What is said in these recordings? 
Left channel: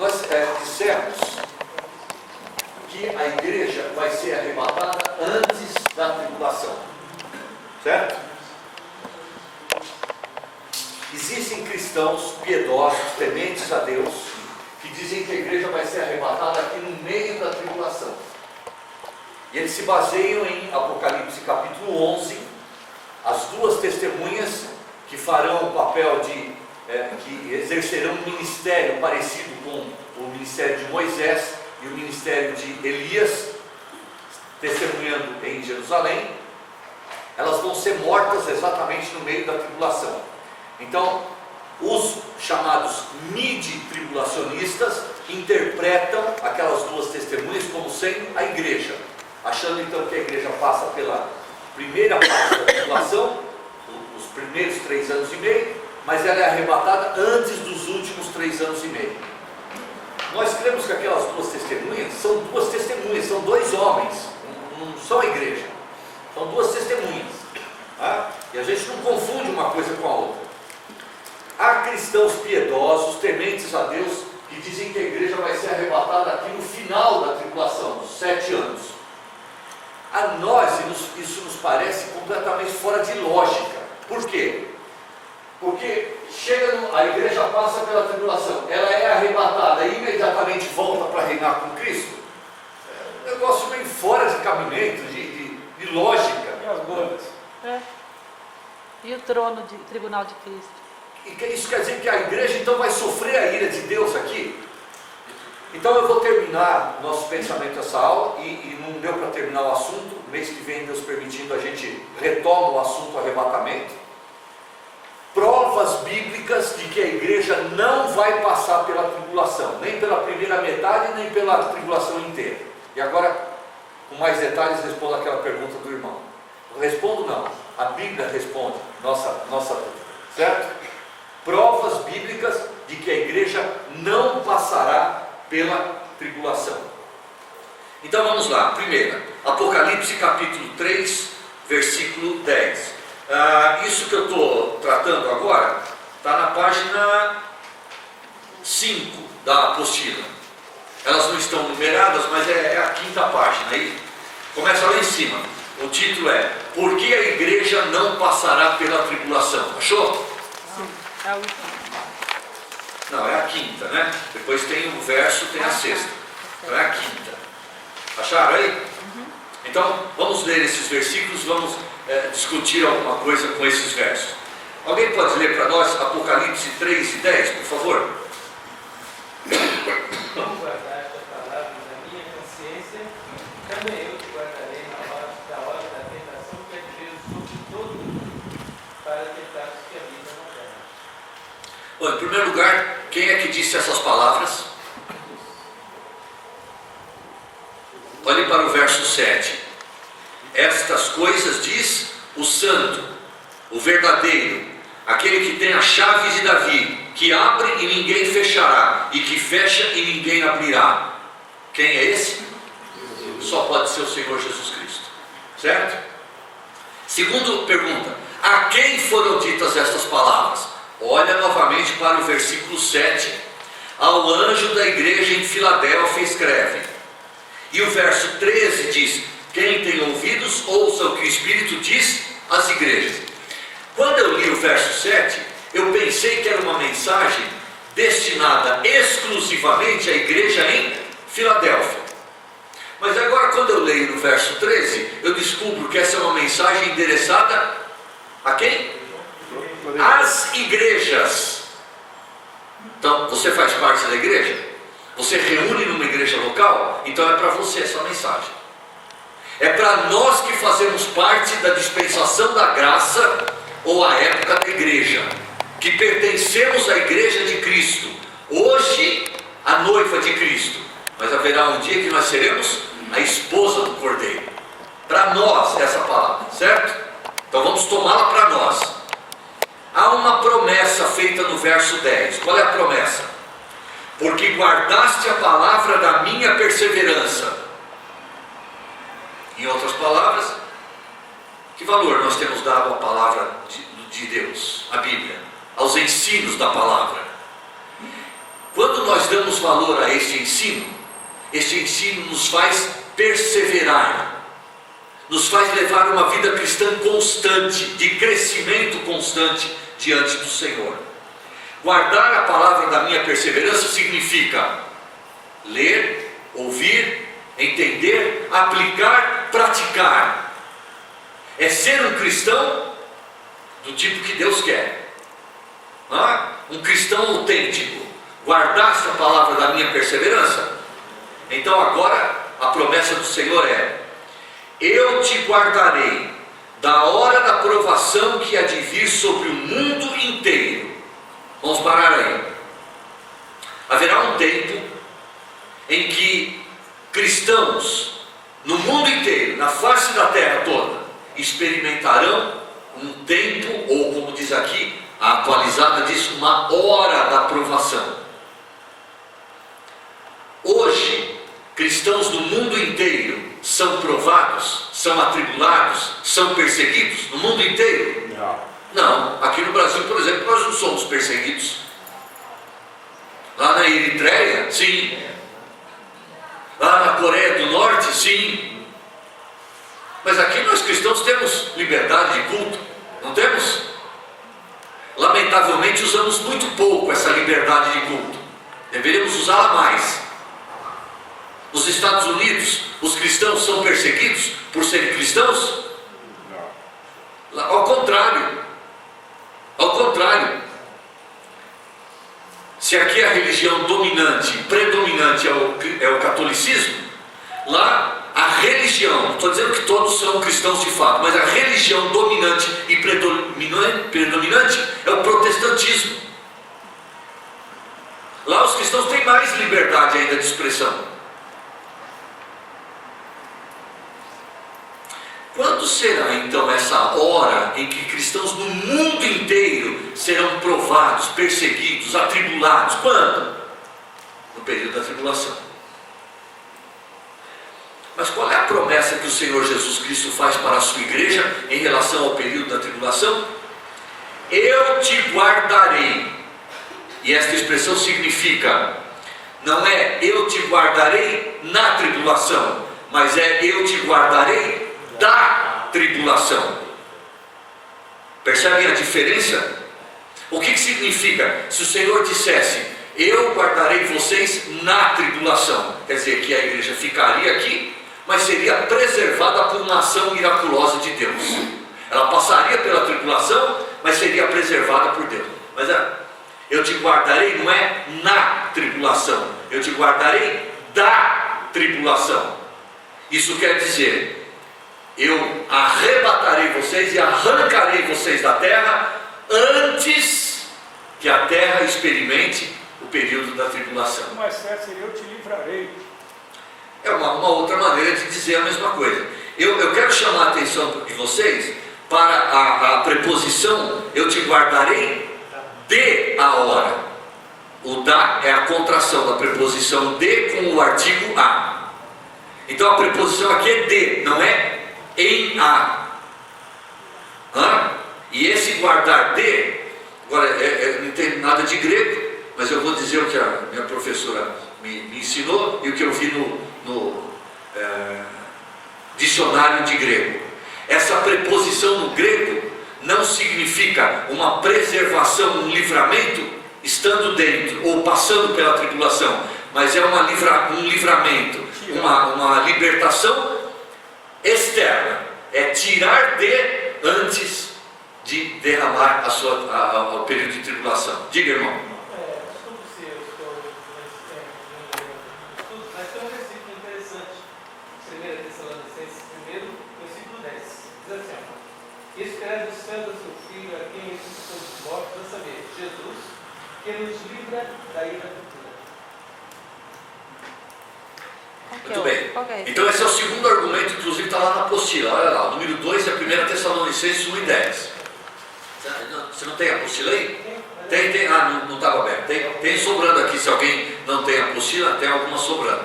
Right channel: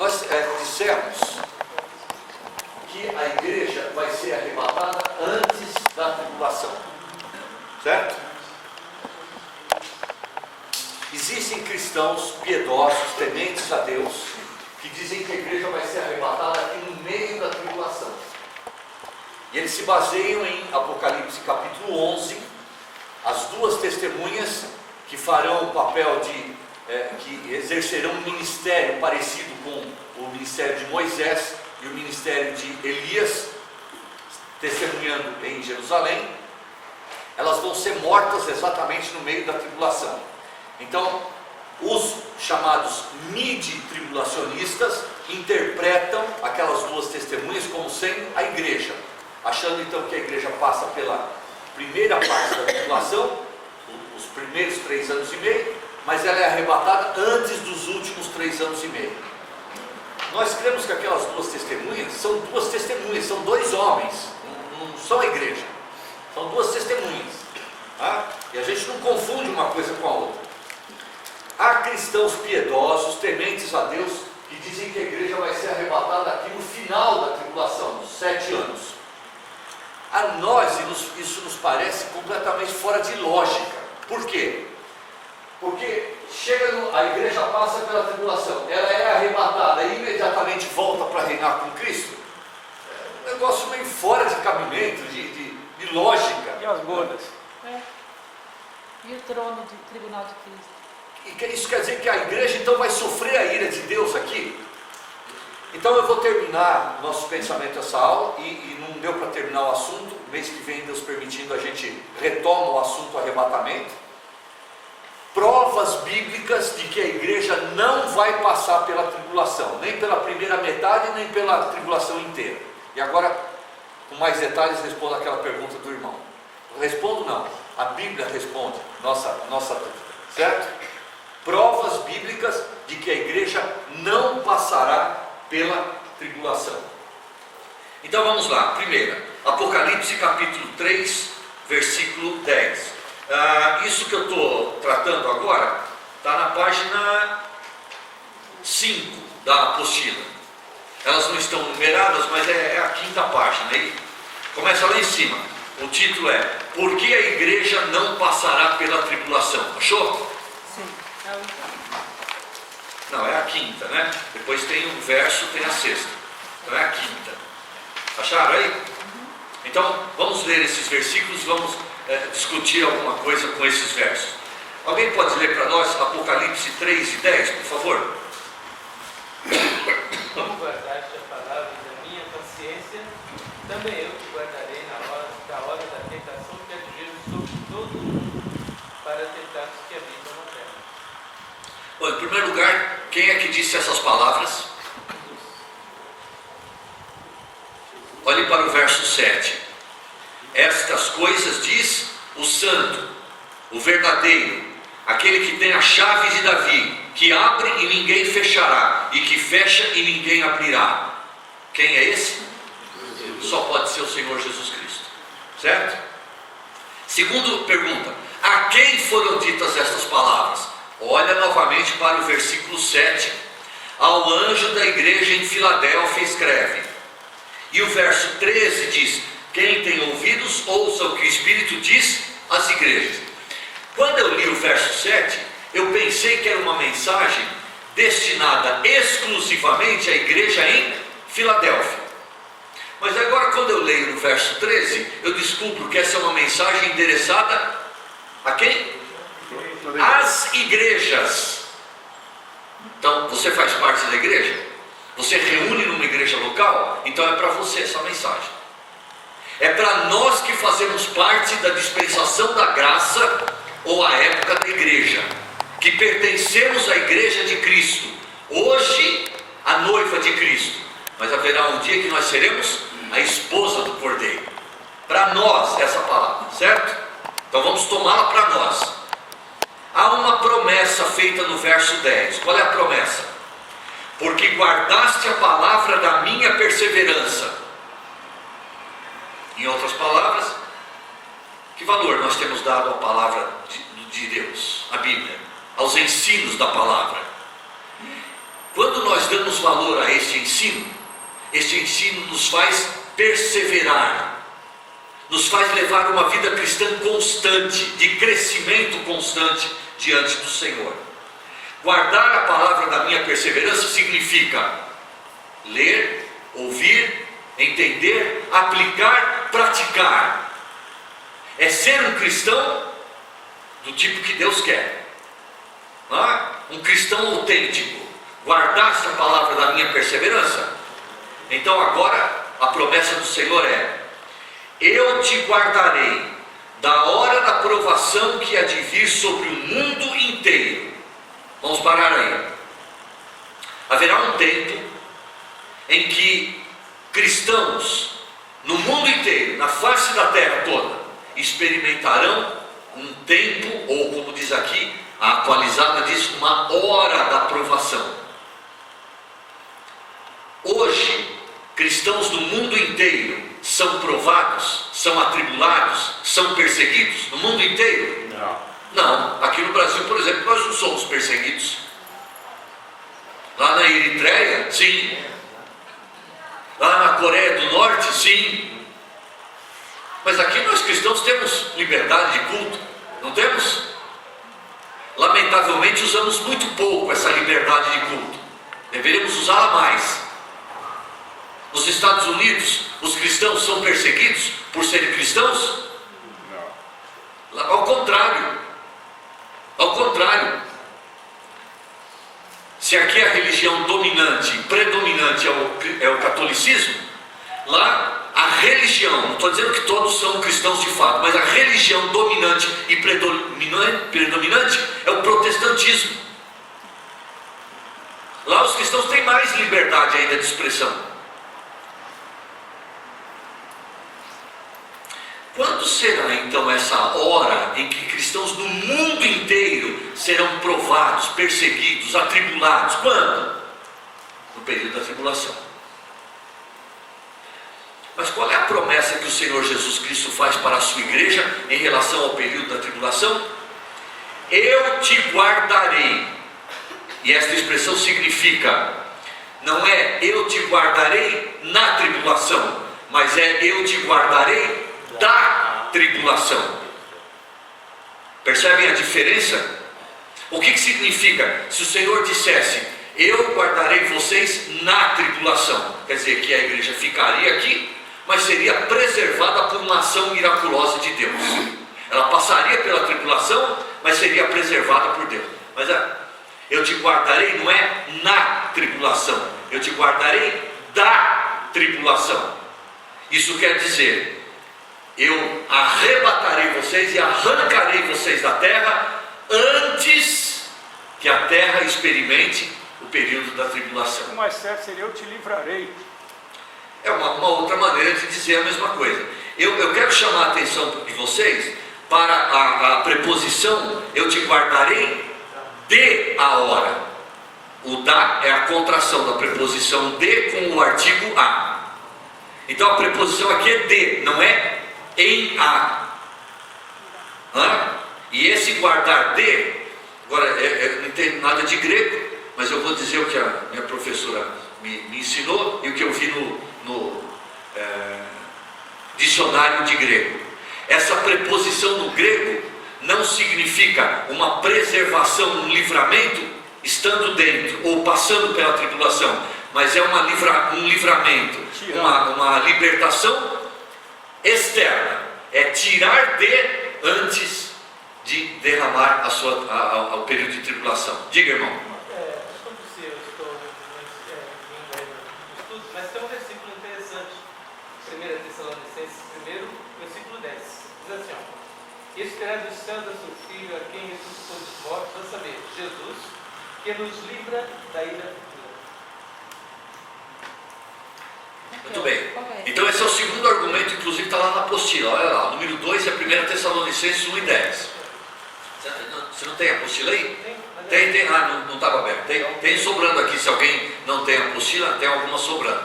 Nós dissemos que a igreja vai ser arrebatada antes da tribulação, certo? Existem cristãos piedosos, tementes a Deus, que dizem que a igreja vai ser arrebatada aqui no meio da tribulação. E eles se baseiam em Apocalipse capítulo 11, as duas testemunhas que farão o papel que exercerão um ministério parecido com o ministério de Moisés e o ministério de Elias, testemunhando em Jerusalém. Elas vão ser mortas exatamente no meio da tribulação. Então, os chamados midi-tribulacionistas interpretam aquelas duas testemunhas como sendo a igreja, achando então que a igreja passa pela primeira parte da tribulação, os primeiros 3 anos e meio, mas ela é arrebatada antes dos últimos 3 anos e meio. Nós cremos que aquelas duas testemunhas, são 2 homens, não são a igreja, são 2 testemunhas, tá? E a gente não confunde uma coisa com a outra. Há cristãos piedosos, tementes a Deus, que dizem que a igreja vai ser arrebatada aqui no final da tribulação, dos 7 anos. A nós isso nos parece completamente fora de lógica. Por quê? Porque a igreja passa pela tribulação, ela é arrebatada e imediatamente volta para reinar com Cristo. É um negócio meio fora de cabimento, de lógica. E as bodas? E o trono de tribunal de Cristo? E isso quer dizer que a igreja então vai sofrer a ira de Deus aqui? Então eu vou terminar nosso pensamento essa aula, e não deu para terminar o assunto. Mês que vem, Deus permitindo, a gente retoma o assunto arrebatamento. Provas bíblicas de que a igreja não vai passar pela tribulação, nem pela primeira metade, nem pela tribulação inteira. E agora, com mais detalhes, respondo aquela pergunta do irmão. Respondo não, a Bíblia responde nossa dúvida, certo? Provas bíblicas de que a igreja não passará pela tribulação. Então vamos lá. Primeira, Apocalipse capítulo 3, versículo 10. Isso que eu estou tratando agora está na página 5 da apostila. Elas não estão numeradas, mas é a 5ª página. Aí começa lá em cima. O título é: Por que a igreja não passará pela tribulação? Achou? Sim, é o Não, é a 5ª, né? Depois tem o verso, tem a 6ª. Então é a 5ª. Acharam aí? Então vamos ler esses versículos, vamos discutir alguma coisa com esses versos. Alguém pode ler para nós Apocalipse 3 e 10, por favor? Como guardaste a palavra na minha consciência, também eu te guardarei da hora da tentação que advir sobre todo o mundo, para tentar os que habitam na terra. Bom, em primeiro lugar, quem é que disse essas palavras? Olhe para o verso 7. Estas coisas diz o santo, o verdadeiro, aquele que tem a chave de Davi, que abre e ninguém fechará, e que fecha e ninguém abrirá. Quem é esse? Só pode ser o Senhor Jesus Cristo, certo? Segunda pergunta: a quem foram ditas estas palavras? Olha novamente para o versículo 7. Ao anjo da igreja em Filadélfia escreve. E o verso 13 diz: quem tem ouvidos, ouça o que o Espírito diz às igrejas. Quando eu li o verso 7, eu pensei que era uma mensagem destinada exclusivamente à igreja em Filadélfia. Mas agora, quando eu leio no verso 13, eu descubro que essa é uma mensagem endereçada a quem? Às igrejas. Então, você faz parte da igreja? Você reúne numa igreja local? Então é para você essa mensagem. É para nós que fazemos parte da dispensação da graça, ou a época da igreja, que pertencemos à igreja de Cristo. Hoje, a noiva de Cristo, mas haverá um dia que nós seremos a esposa do Cordeiro. Para nós essa palavra, certo? Então vamos tomá-la para nós. Há uma promessa feita no verso 10. Qual é a promessa? Porque guardaste a palavra da minha perseverança. Em outras palavras, que valor nós temos dado à palavra de Deus, à Bíblia, aos ensinos da palavra? Quando nós damos valor a este ensino nos faz perseverar, nos faz levar uma vida cristã constante, de crescimento constante diante do Senhor. Guardar a palavra da minha perseverança significa ler, ouvir, entender, aplicar, praticar. É ser um cristão do tipo que Deus quer. Um cristão autêntico. Guardaste a palavra da minha perseverança? Então agora a promessa do Senhor é: eu te guardarei da hora da provação que há de vir sobre o mundo inteiro. Vamos parar aí. Haverá um tempo em que cristãos no mundo inteiro, na face da terra toda, experimentarão um tempo, ou como diz aqui, a atualizada diz, uma hora da provação. Hoje, cristãos do mundo inteiro são provados, são atribulados, são perseguidos no mundo inteiro? Não. Aqui no Brasil, por exemplo, nós não somos perseguidos. Lá na Eritreia, sim. Lá na Coreia do Norte, sim. Mas aqui nós cristãos temos liberdade de culto, não temos? Lamentavelmente usamos muito pouco essa liberdade de culto. Deveríamos usá-la mais. Nos Estados Unidos, os cristãos são perseguidos por serem cristãos? Não. Ao contrário. Ao contrário. Se aqui a religião dominante, predominante é o catolicismo, lá a religião, não estou dizendo que todos são cristãos de fato, mas a religião dominante e predominante é o protestantismo. Lá os cristãos têm mais liberdade ainda de expressão. Quando será então essa hora em que cristãos do mundo inteiro serão provados, perseguidos, atribulados? Quando? No período da tribulação. Mas qual é a promessa que o Senhor Jesus Cristo faz para a sua igreja em relação ao período da tribulação? Eu te guardarei. E esta expressão significa, não é eu te guardarei na tribulação, mas é eu te guardarei da tribulação. Percebem a diferença? O que significa? Se o Senhor dissesse, eu guardarei vocês na tribulação, quer dizer que a igreja ficaria aqui, mas seria preservada por uma ação miraculosa de Deus. Ela passaria pela tribulação, mas seria preservada por Deus. Mas eu te guardarei não é na tribulação, eu te guardarei da tribulação. Isso quer dizer, eu arrebatarei vocês e arrancarei vocês da terra antes que a terra experimente o período da tribulação. O mais certo seria eu te livrarei. É uma outra maneira de dizer a mesma coisa. Eu quero chamar a atenção de vocês para a preposição eu te guardarei de a hora. O da é a contração da preposição de com o artigo a. Então a preposição aqui é de, não é em a. E esse guardar de, agora eu não entendo nada de grego, mas eu vou dizer o que a minha professora me ensinou e o que eu vi no dicionário de grego. Essa preposição no grego não significa uma preservação, um livramento estando dentro ou passando pela tribulação, mas é um livramento, uma libertação externa, é tirar de antes de derramar ao período de tribulação. Diga, irmão. Mas tem um versículo interessante, 1 Tessalonicenses 1, versículo 10. Diz assim: esperando os céus do seu Filho, a quem ressuscitou dos mortos, a saber, Jesus, que nos livra da ira futura. Muito bem. Então esse é o segundo argumento, inclusive está lá na apostila. Olha lá, o número 2 é 1 Tessalonicenses 1 e 10. Você não tem a apostila aí? Tem. Não estava aberto. Tem sobrando aqui, se alguém não tem a apostila, tem alguma sobrando.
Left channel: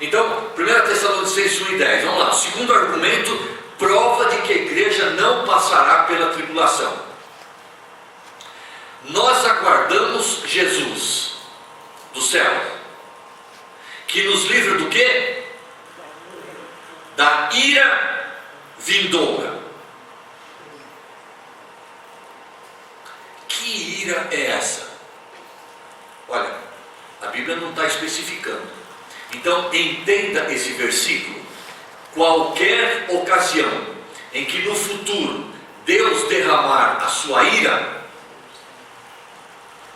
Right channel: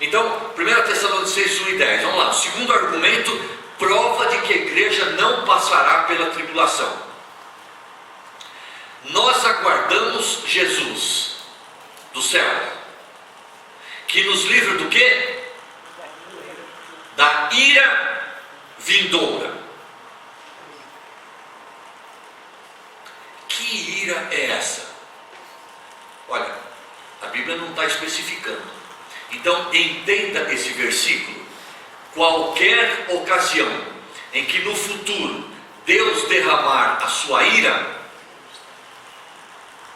Então, 1 Tessalonicenses 1 e 10. Vamos lá. O segundo argumento, prova de que a igreja não passará pela tribulação. Nós aguardamos Jesus. do céu, que nos livra do quê? Da ira vindoura. Que ira é essa? Olha, a Bíblia não está especificando. Então entenda esse versículo. Qualquer ocasião em que no futuro Deus derramar a sua ira,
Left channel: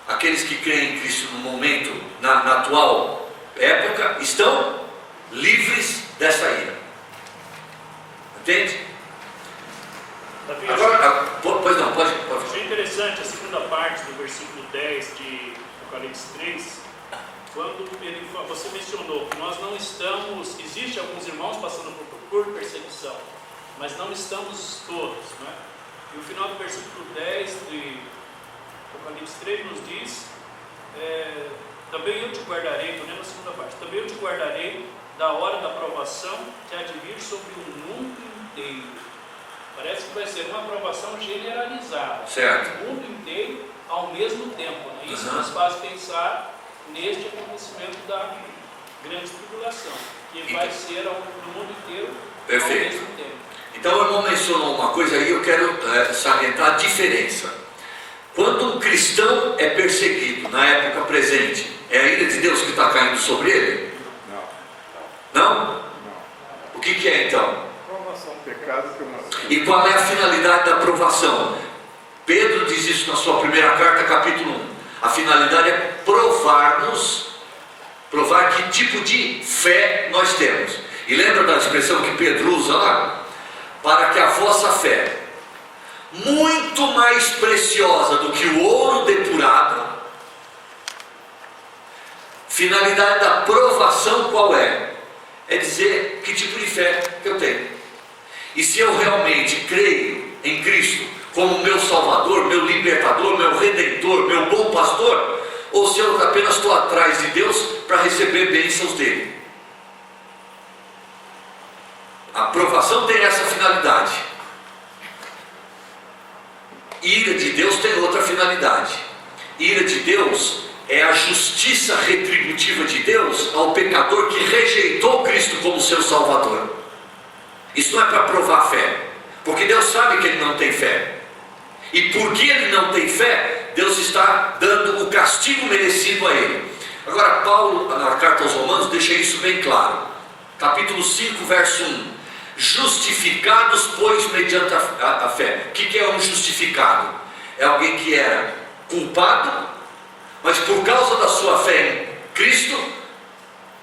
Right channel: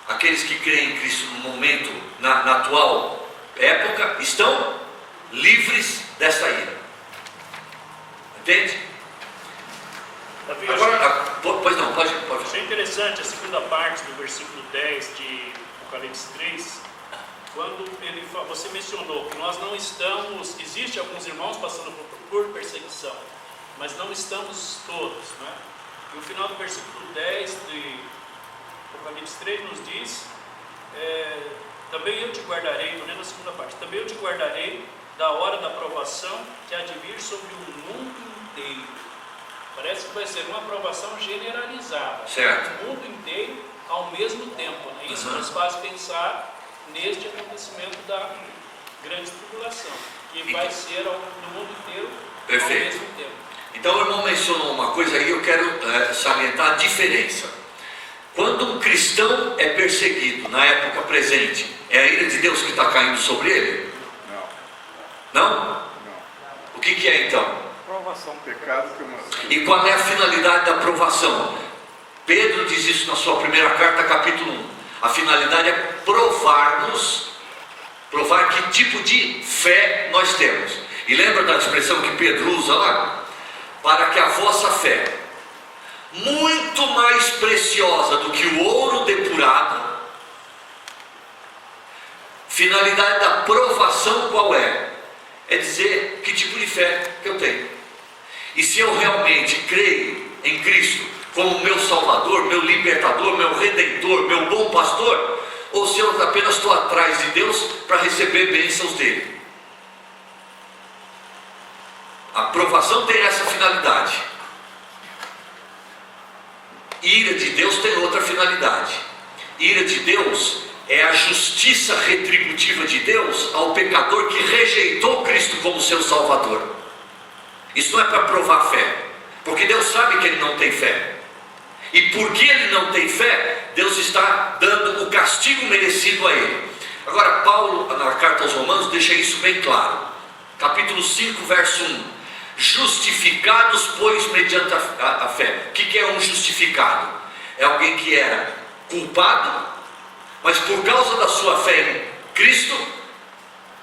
aqueles que creem em Cristo no momento, na atual época, estão livres dessa ira. Entende? Davi, Agora, pois não, pode. achei interessante a segunda parte do versículo 10 de Apocalipse 3, quando ele, você mencionou que nós não estamos, existe alguns irmãos passando por perseguição, mas não estamos todos, né? E o final do versículo 10 de Apocalipse 3 nos diz, também eu te guardarei, estou lendo a segunda parte, também eu te guardarei da hora da provação que há de vir sobre o mundo inteiro. Parece que vai ser uma aprovação generalizada, Certo. o mundo inteiro ao mesmo tempo, né? Isso nos faz pensar neste acontecimento da grande tribulação, que vai ser no mundo inteiro Perfeito. ao mesmo tempo. Então o irmão mencionou uma coisa aí, eu quero salientar a diferença. Quando um cristão é perseguido na época presente, é a ira de Deus que está caindo sobre ele? Não, Não? não. O que é então? Provação, pecado que uma... E qual é a finalidade da provação? Pedro diz isso na sua primeira carta, capítulo 1. A finalidade é provar que tipo de fé nós temos. E lembra da expressão que Pedro usa lá? Para que a vossa fé, muito mais preciosa do que o ouro depurado, finalidade da provação qual é? É dizer que tipo de fé que eu tenho. E se eu realmente creio em Cristo como meu Salvador, meu Libertador, meu Redentor, meu bom pastor, ou se eu apenas estou atrás de Deus para receber bênçãos dele. A provação tem essa finalidade. Ira de Deus tem outra finalidade. Ira de Deus é a justiça retributiva de Deus ao pecador que rejeitou Cristo como seu Salvador. Isso não é para provar fé, porque Deus sabe que ele não tem fé. E porque ele não tem fé, Deus está dando o castigo merecido a ele. Agora Paulo, na carta aos Romanos, deixa isso bem claro. Capítulo 5, verso 1. Justificados, pois, mediante a fé. O que é um justificado? É alguém que era culpado, mas por causa da sua fé em Cristo,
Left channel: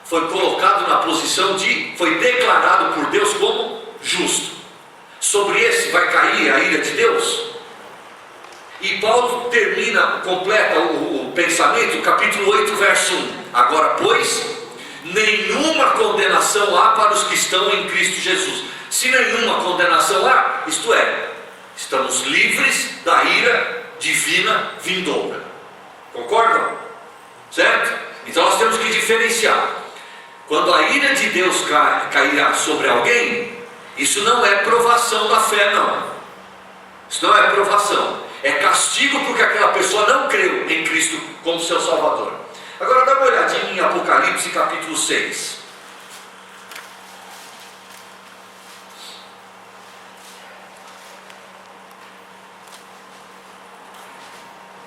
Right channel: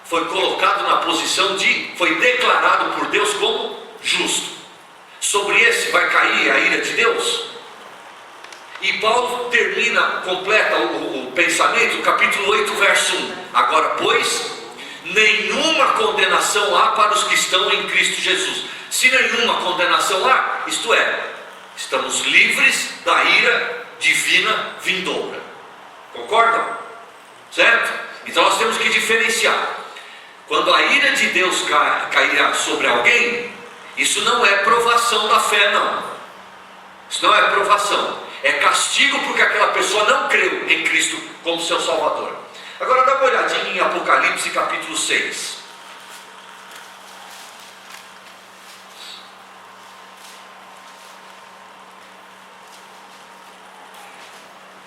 foi colocado na posição foi declarado por Deus como justo. Sobre esse vai cair a ira de Deus. E Paulo completa o pensamento, capítulo 8, verso 1. Agora, pois, nenhuma condenação há para os que estão em Cristo Jesus. Se nenhuma condenação há, isto é, estamos livres da ira divina vindoura. Concordam? Certo? Então nós temos que diferenciar. Quando a ira de Deus cairá sobre alguém, isso não é provação da fé, não. Isso não é provação. É castigo porque aquela pessoa não creu em Cristo como seu Salvador. Agora dá uma olhadinha em Apocalipse capítulo 6.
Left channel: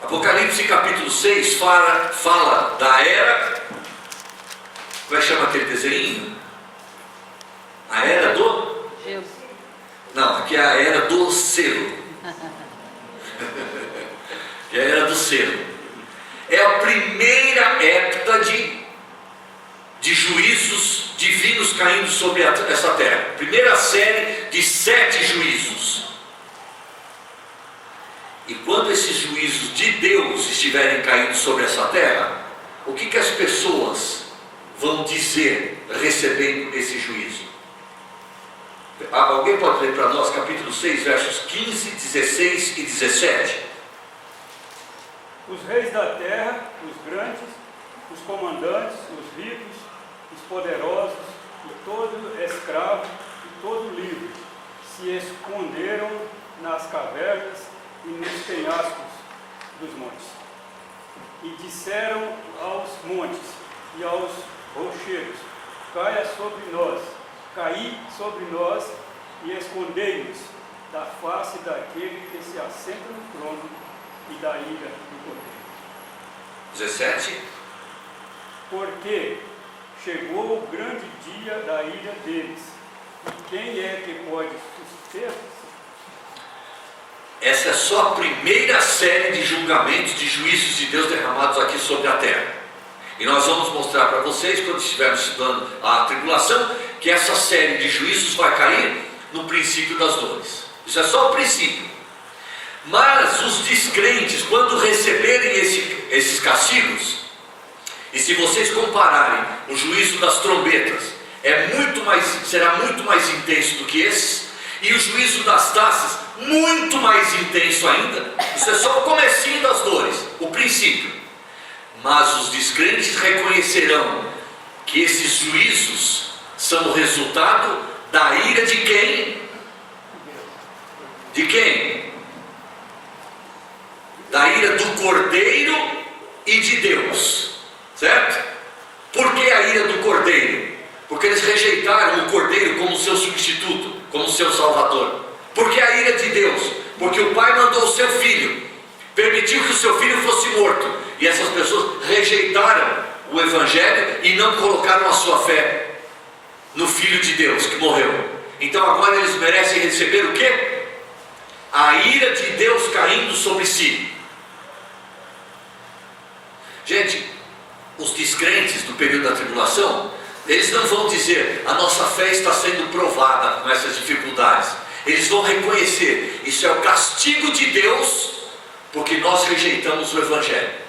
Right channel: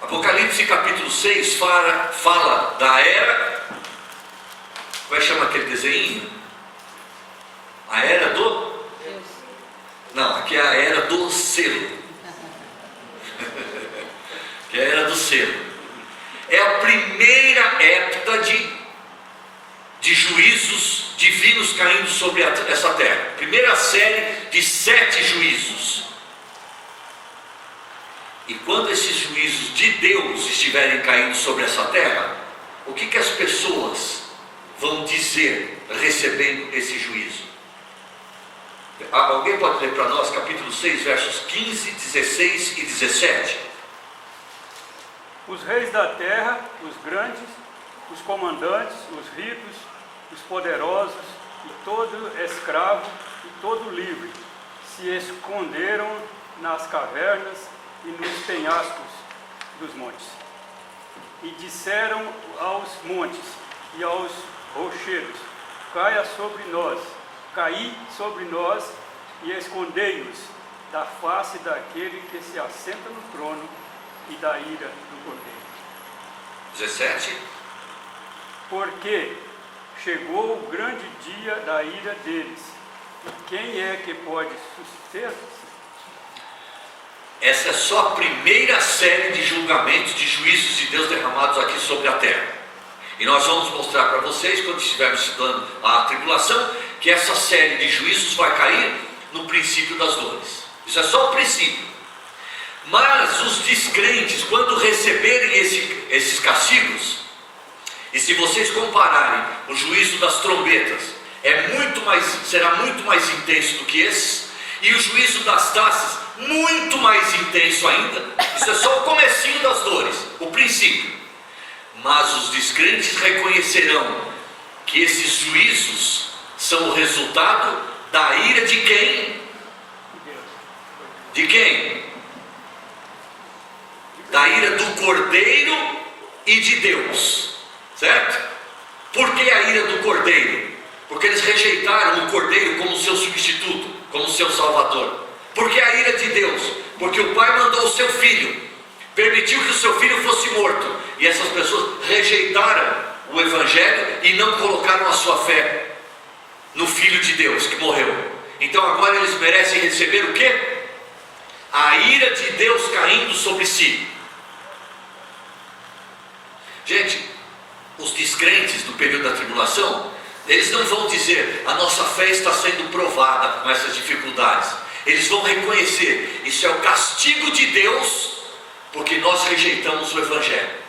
Apocalipse capítulo 6 fala da era. Como é que chama aquele desenho? A era do? Eu. Não, aqui é a era do selo. Que é a era do selo. É a primeira época de juízos divinos caindo sobre essa terra. Primeira série de 7 juízos. E quando esses juízos de Deus estiverem caindo sobre essa terra, o que as pessoas vão dizer recebendo esse juízo? Alguém pode ler para nós capítulo 6, versos 15, 16 e 17? Os reis da terra, os grandes, os comandantes, os ricos, os poderosos, e todo escravo e todo livre, se esconderam nas cavernas e nos penhascos dos montes. E disseram aos montes e aos rochedos: caia sobre nós, caí sobre nós e escondei-nos da face daquele que se assenta no trono e da ira do Cordeiro. 17. Porque chegou o grande dia da ira deles, e quem é que pode suster? Essa é só a primeira série de julgamentos, de juízos de Deus derramados aqui sobre a terra. E nós vamos mostrar para vocês, quando estivermos estudando a tribulação, que essa série de juízos vai cair no princípio das dores. Isso é só o princípio. Mas os descrentes, quando receberem esses castigos, e se vocês compararem o juízo das trombetas, será muito mais intenso do que esses, e o juízo das taças, muito mais intenso ainda. Isso é só o comecinho das dores, o princípio. Mas os descrentes reconhecerão que esses juízos são o resultado da ira de quem? De quem? Da ira do Cordeiro e de Deus, certo? Por que a ira do Cordeiro? Porque eles rejeitaram o Cordeiro como seu substituto, como seu Salvador. Por que a ira de Deus? Porque o Pai mandou o seu Filho, permitiu que o seu Filho fosse morto, e essas pessoas rejeitaram o Evangelho e não colocaram a sua fé no Filho de Deus que morreu. Então agora eles merecem receber o quê? A ira de Deus caindo sobre si. Gente, os descrentes do período da tribulação, eles não vão dizer: a nossa fé está sendo provada com essas dificuldades. Eles vão reconhecer: isso é o castigo de Deus, porque nós rejeitamos o Evangelho.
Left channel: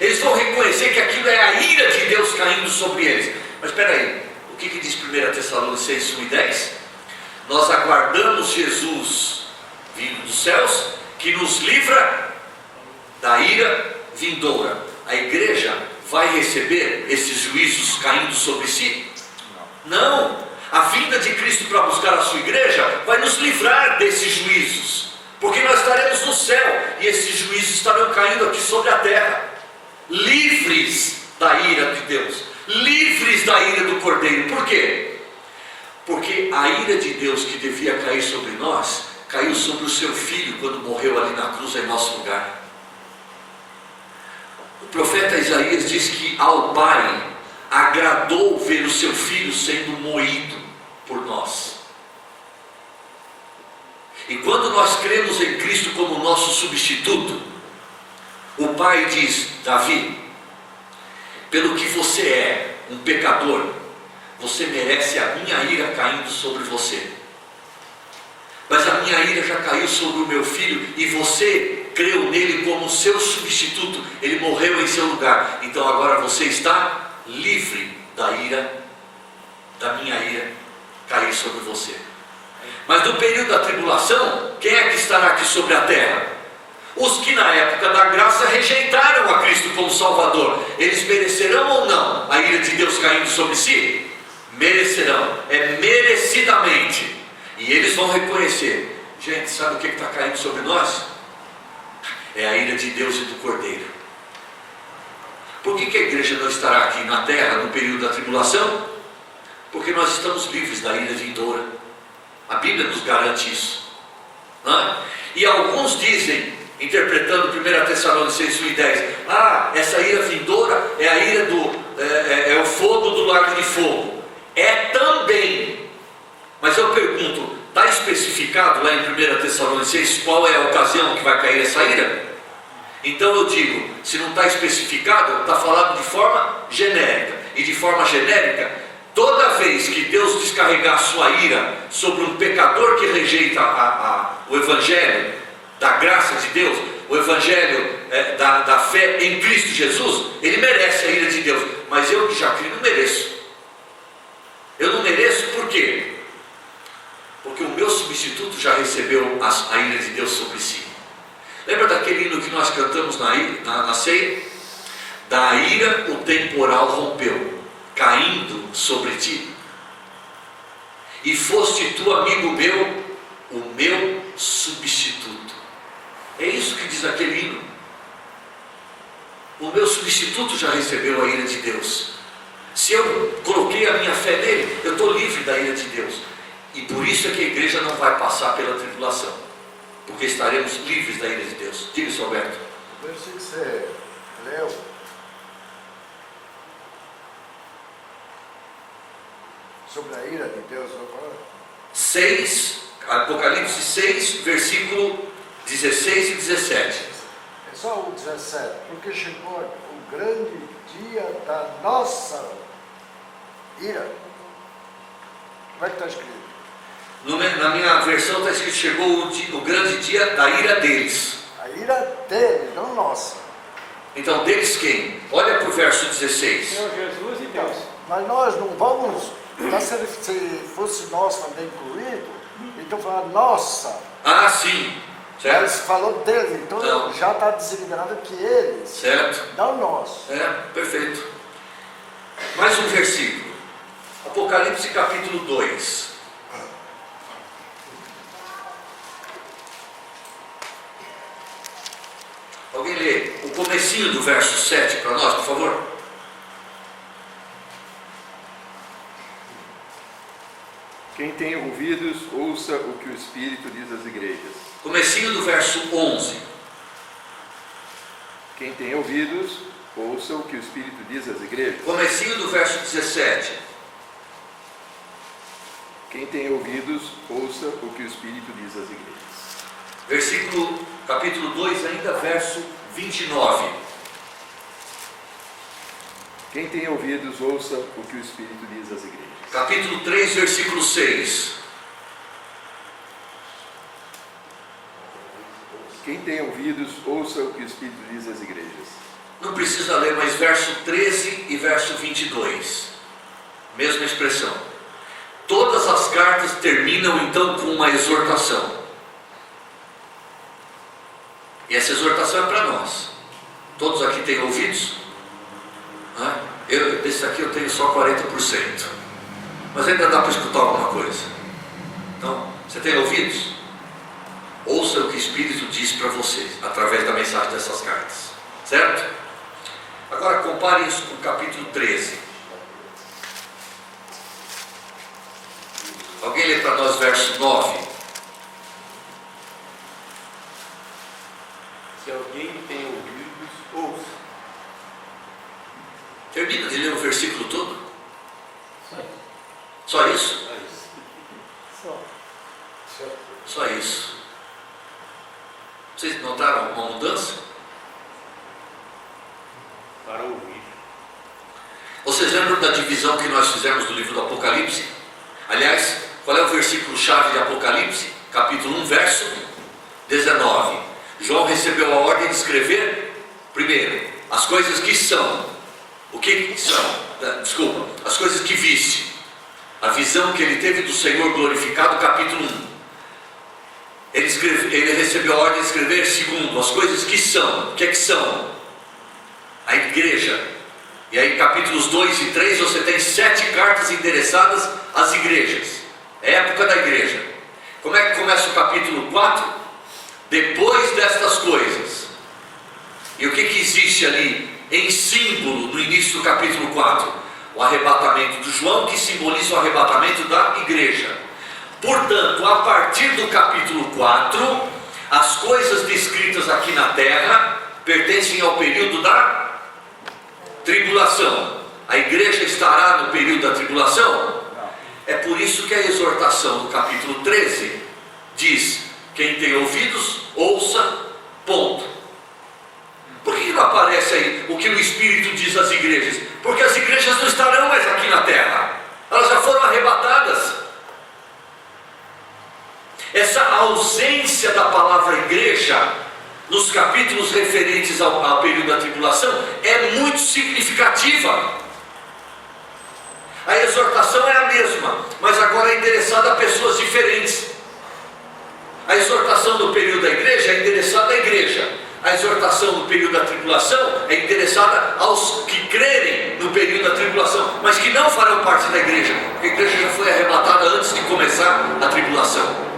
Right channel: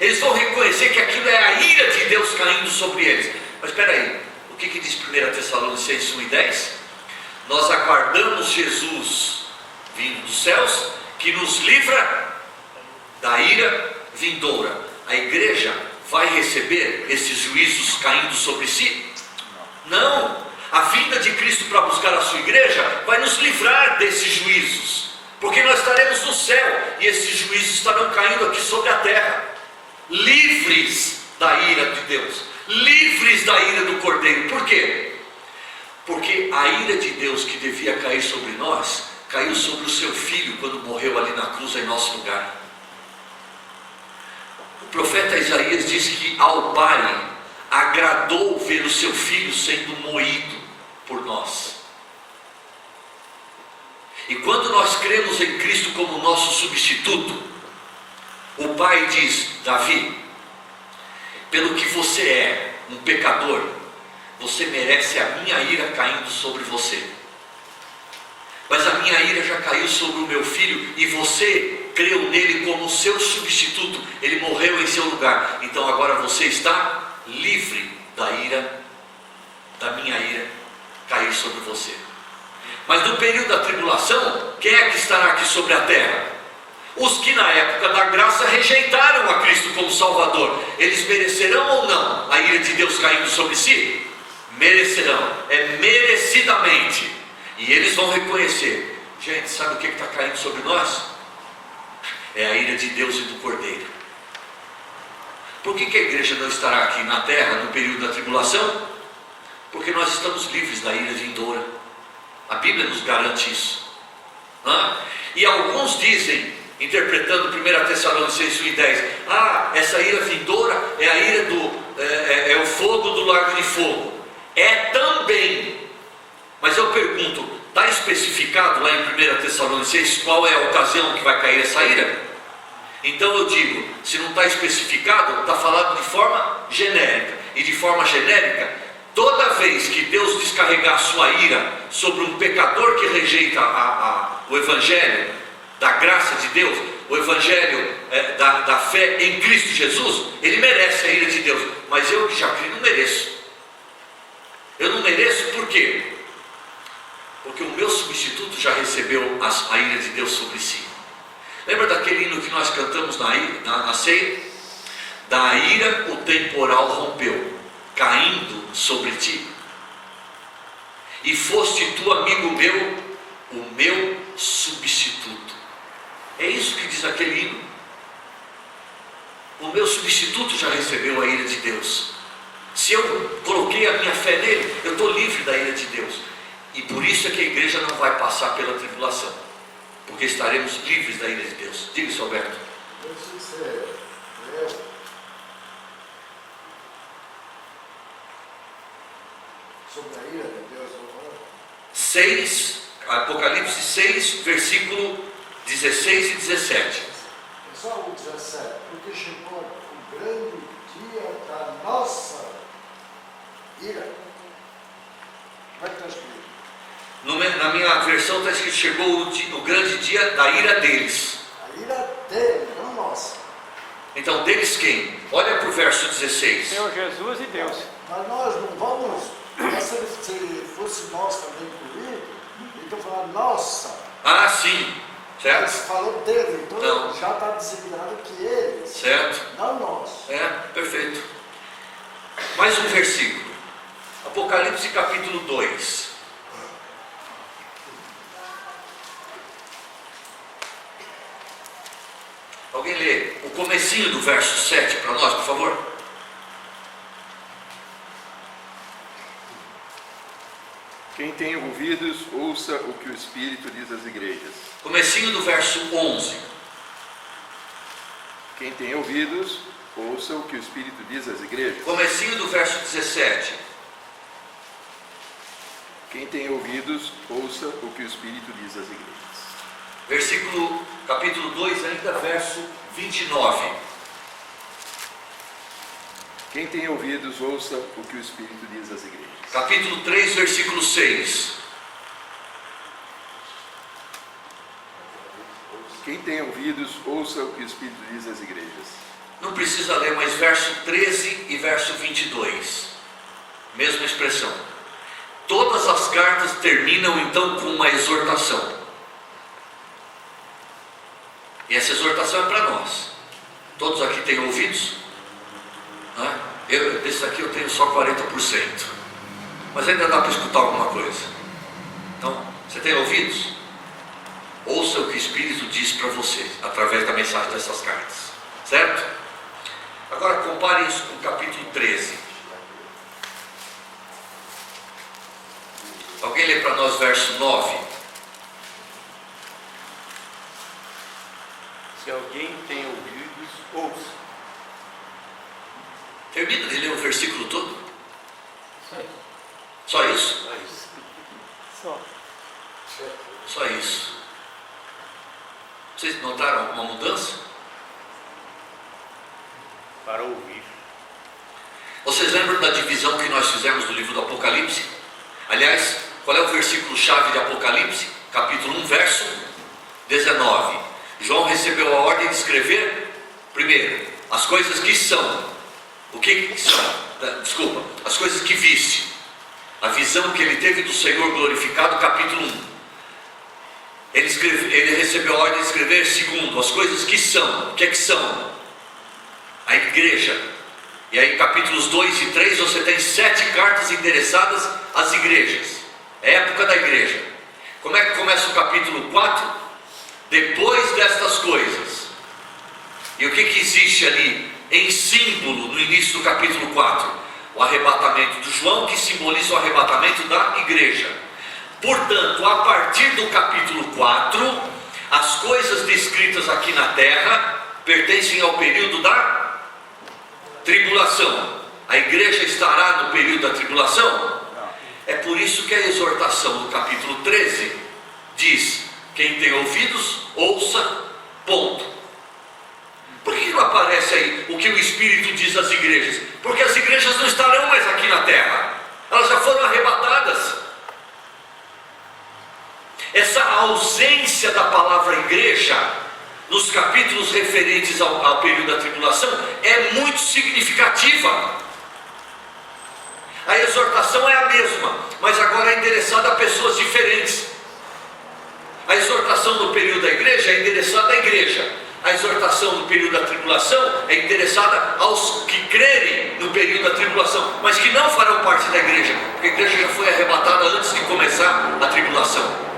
Eles vão reconhecer que aquilo é a ira de Deus caindo sobre eles. Mas espera aí, o que diz 1 Tessalonicenses 1:10? Nós aguardamos Jesus vindo dos céus, que nos livra da ira vindoura. A igreja vai receber esses juízos caindo sobre si? Não. A vinda de Cristo para buscar a sua igreja vai nos livrar desses juízos, porque nós estaremos no céu e esses juízos estarão caindo aqui sobre a terra, livres da ira de Deus, livres da ira do Cordeiro. Por quê? Porque a ira de Deus que devia cair sobre nós, caiu sobre o seu Filho quando morreu ali na cruz em nosso lugar. O profeta Isaías diz que ao Pai agradou ver o seu Filho sendo moído por nós. E quando nós cremos em Cristo como nosso substituto, o Pai diz: Davi, pelo que você é um pecador, você merece a minha ira caindo sobre você. Mas a minha ira já caiu sobre o meu filho, e você creu nele como seu substituto, ele morreu em seu lugar. Então agora você está livre da ira, da minha ira cair sobre você. Mas no período da tribulação, quem é que estará aqui sobre a terra? Os que na época da graça rejeitaram a Cristo como Salvador. Eles merecerão ou não a ira de Deus caindo sobre si? Merecerão, é merecidamente. E eles vão reconhecer: gente, sabe o que está caindo sobre nós? É a ira de Deus e do Cordeiro. Por que a igreja não estará aqui na terra no período da tribulação? Porque nós estamos livres da ira vindoura. A Bíblia nos garante isso. E alguns dizem, interpretando 1 Tessalonicenses 1:10, essa ira vindoura é a ira é o fogo do lago de fogo. É também. Mas eu pergunto, está especificado lá em 1 Tessalonicenses qual é a ocasião que vai cair essa ira? Então eu digo, se não está especificado, está falado de forma genérica. E de forma genérica, toda vez que Deus descarregar a sua ira sobre um pecador que rejeita o Evangelho da graça de Deus, o Evangelho da fé em Cristo Jesus, ele merece a ira de Deus. Mas eu que já criei não mereço. Eu não mereço por quê? Porque o meu substituto já recebeu a ira de Deus sobre si. Lembra daquele hino que nós cantamos na ceia? Da ira o temporal rompeu, caindo sobre ti. E foste tu, amigo meu, o meu substituto. É isso que diz aquele hino. O meu substituto já recebeu a ira de Deus. Se eu coloquei a minha fé nele, eu estou livre da ira de Deus. E por isso é que a igreja não vai passar pela tribulação, porque estaremos livres da ira de Deus. Diga-se, Alberto. Eu sei que você leu sobre a ira de Deus agora. 6, Apocalipse 6, versículo 16 e 17. É só o 17, porque chegou o grande dia da nossa ira. Como é que está escrito? Na minha versão está escrito: chegou o grande dia da ira deles. A ira dele, não nossa. Então, deles quem? Olha para o verso 16. Senhor Jesus e Deus. Mas nós não vamos, mas se fosse nós também incluído, então falar nossa. Ah, sim, certo? Mas falou dele, então Não. já está designado que eles, Certo? não nós. Perfeito. Mais um versículo. Apocalipse capítulo 2. Alguém lê o comecinho do verso 7 para nós, por favor? Quem tem ouvidos, ouça o que o Espírito diz às igrejas. Comecinho do verso 11. Quem tem ouvidos, ouça o que o Espírito diz às igrejas. Comecinho do verso 17. Quem tem ouvidos, ouça o que o Espírito diz às igrejas. Versículo, capítulo 2, ainda verso 29. Quem tem ouvidos, ouça o que o Espírito diz às igrejas. Capítulo 3, versículo 6. Quem tem ouvidos, ouça o que o Espírito diz às igrejas. Não precisa ler, mas verso 13 e verso 22. Mesma expressão. Todas as cartas terminam então com uma exortação. E essa exortação é para nós. Todos aqui têm ouvidos? Esse aqui eu tenho só 40%. Mas ainda dá para escutar alguma coisa. Então, você tem ouvidos? Ouça o que o Espírito diz para você, através da mensagem dessas cartas. Certo? Agora compare isso com o capítulo 13. Alguém lê para nós verso 9? Se alguém tem ouvidos, ouça. Termina de ler o versículo todo? Só isso? Só isso. Vocês notaram alguma mudança? Para ouvir. Vocês lembram da divisão que nós fizemos do livro do Apocalipse? Aliás, qual é o versículo-chave de Apocalipse? Capítulo 1, verso 19. João recebeu a ordem de escrever, primeiro, as coisas que são. O que são? Desculpa, as coisas que viste. A visão que ele teve do Senhor glorificado, capítulo 1. Ele recebeu a ordem de escrever, segundo, as coisas que são. O que é que são? A igreja. E aí, capítulos 2 e 3, você tem 7 cartas endereçadas às igrejas. É a época da igreja. Como é que começa o capítulo 4? Depois destas coisas. E o que existe ali em símbolo no início do capítulo 4? O arrebatamento de João, que simboliza o arrebatamento da igreja. Portanto, a partir do capítulo 4, as coisas descritas aqui na terra pertencem ao período da tribulação. A igreja estará no período da tribulação? É por isso que a exortação do capítulo 13 diz: quem tem ouvidos, ouça, ponto. Por que não aparece aí o que o Espírito diz às igrejas? Porque as igrejas não estarão mais aqui na terra, elas já foram arrebatadas. Essa ausência da palavra igreja nos capítulos referentes ao período da tribulação é muito significativa. A exortação é a mesma, mas agora é endereçada a pessoas diferentes. A exortação do período da igreja é endereçada à igreja. A exortação do período da tribulação é endereçada aos que crerem no período da tribulação, mas que não farão parte da igreja, porque a igreja já foi arrebatada antes de começar a tribulação.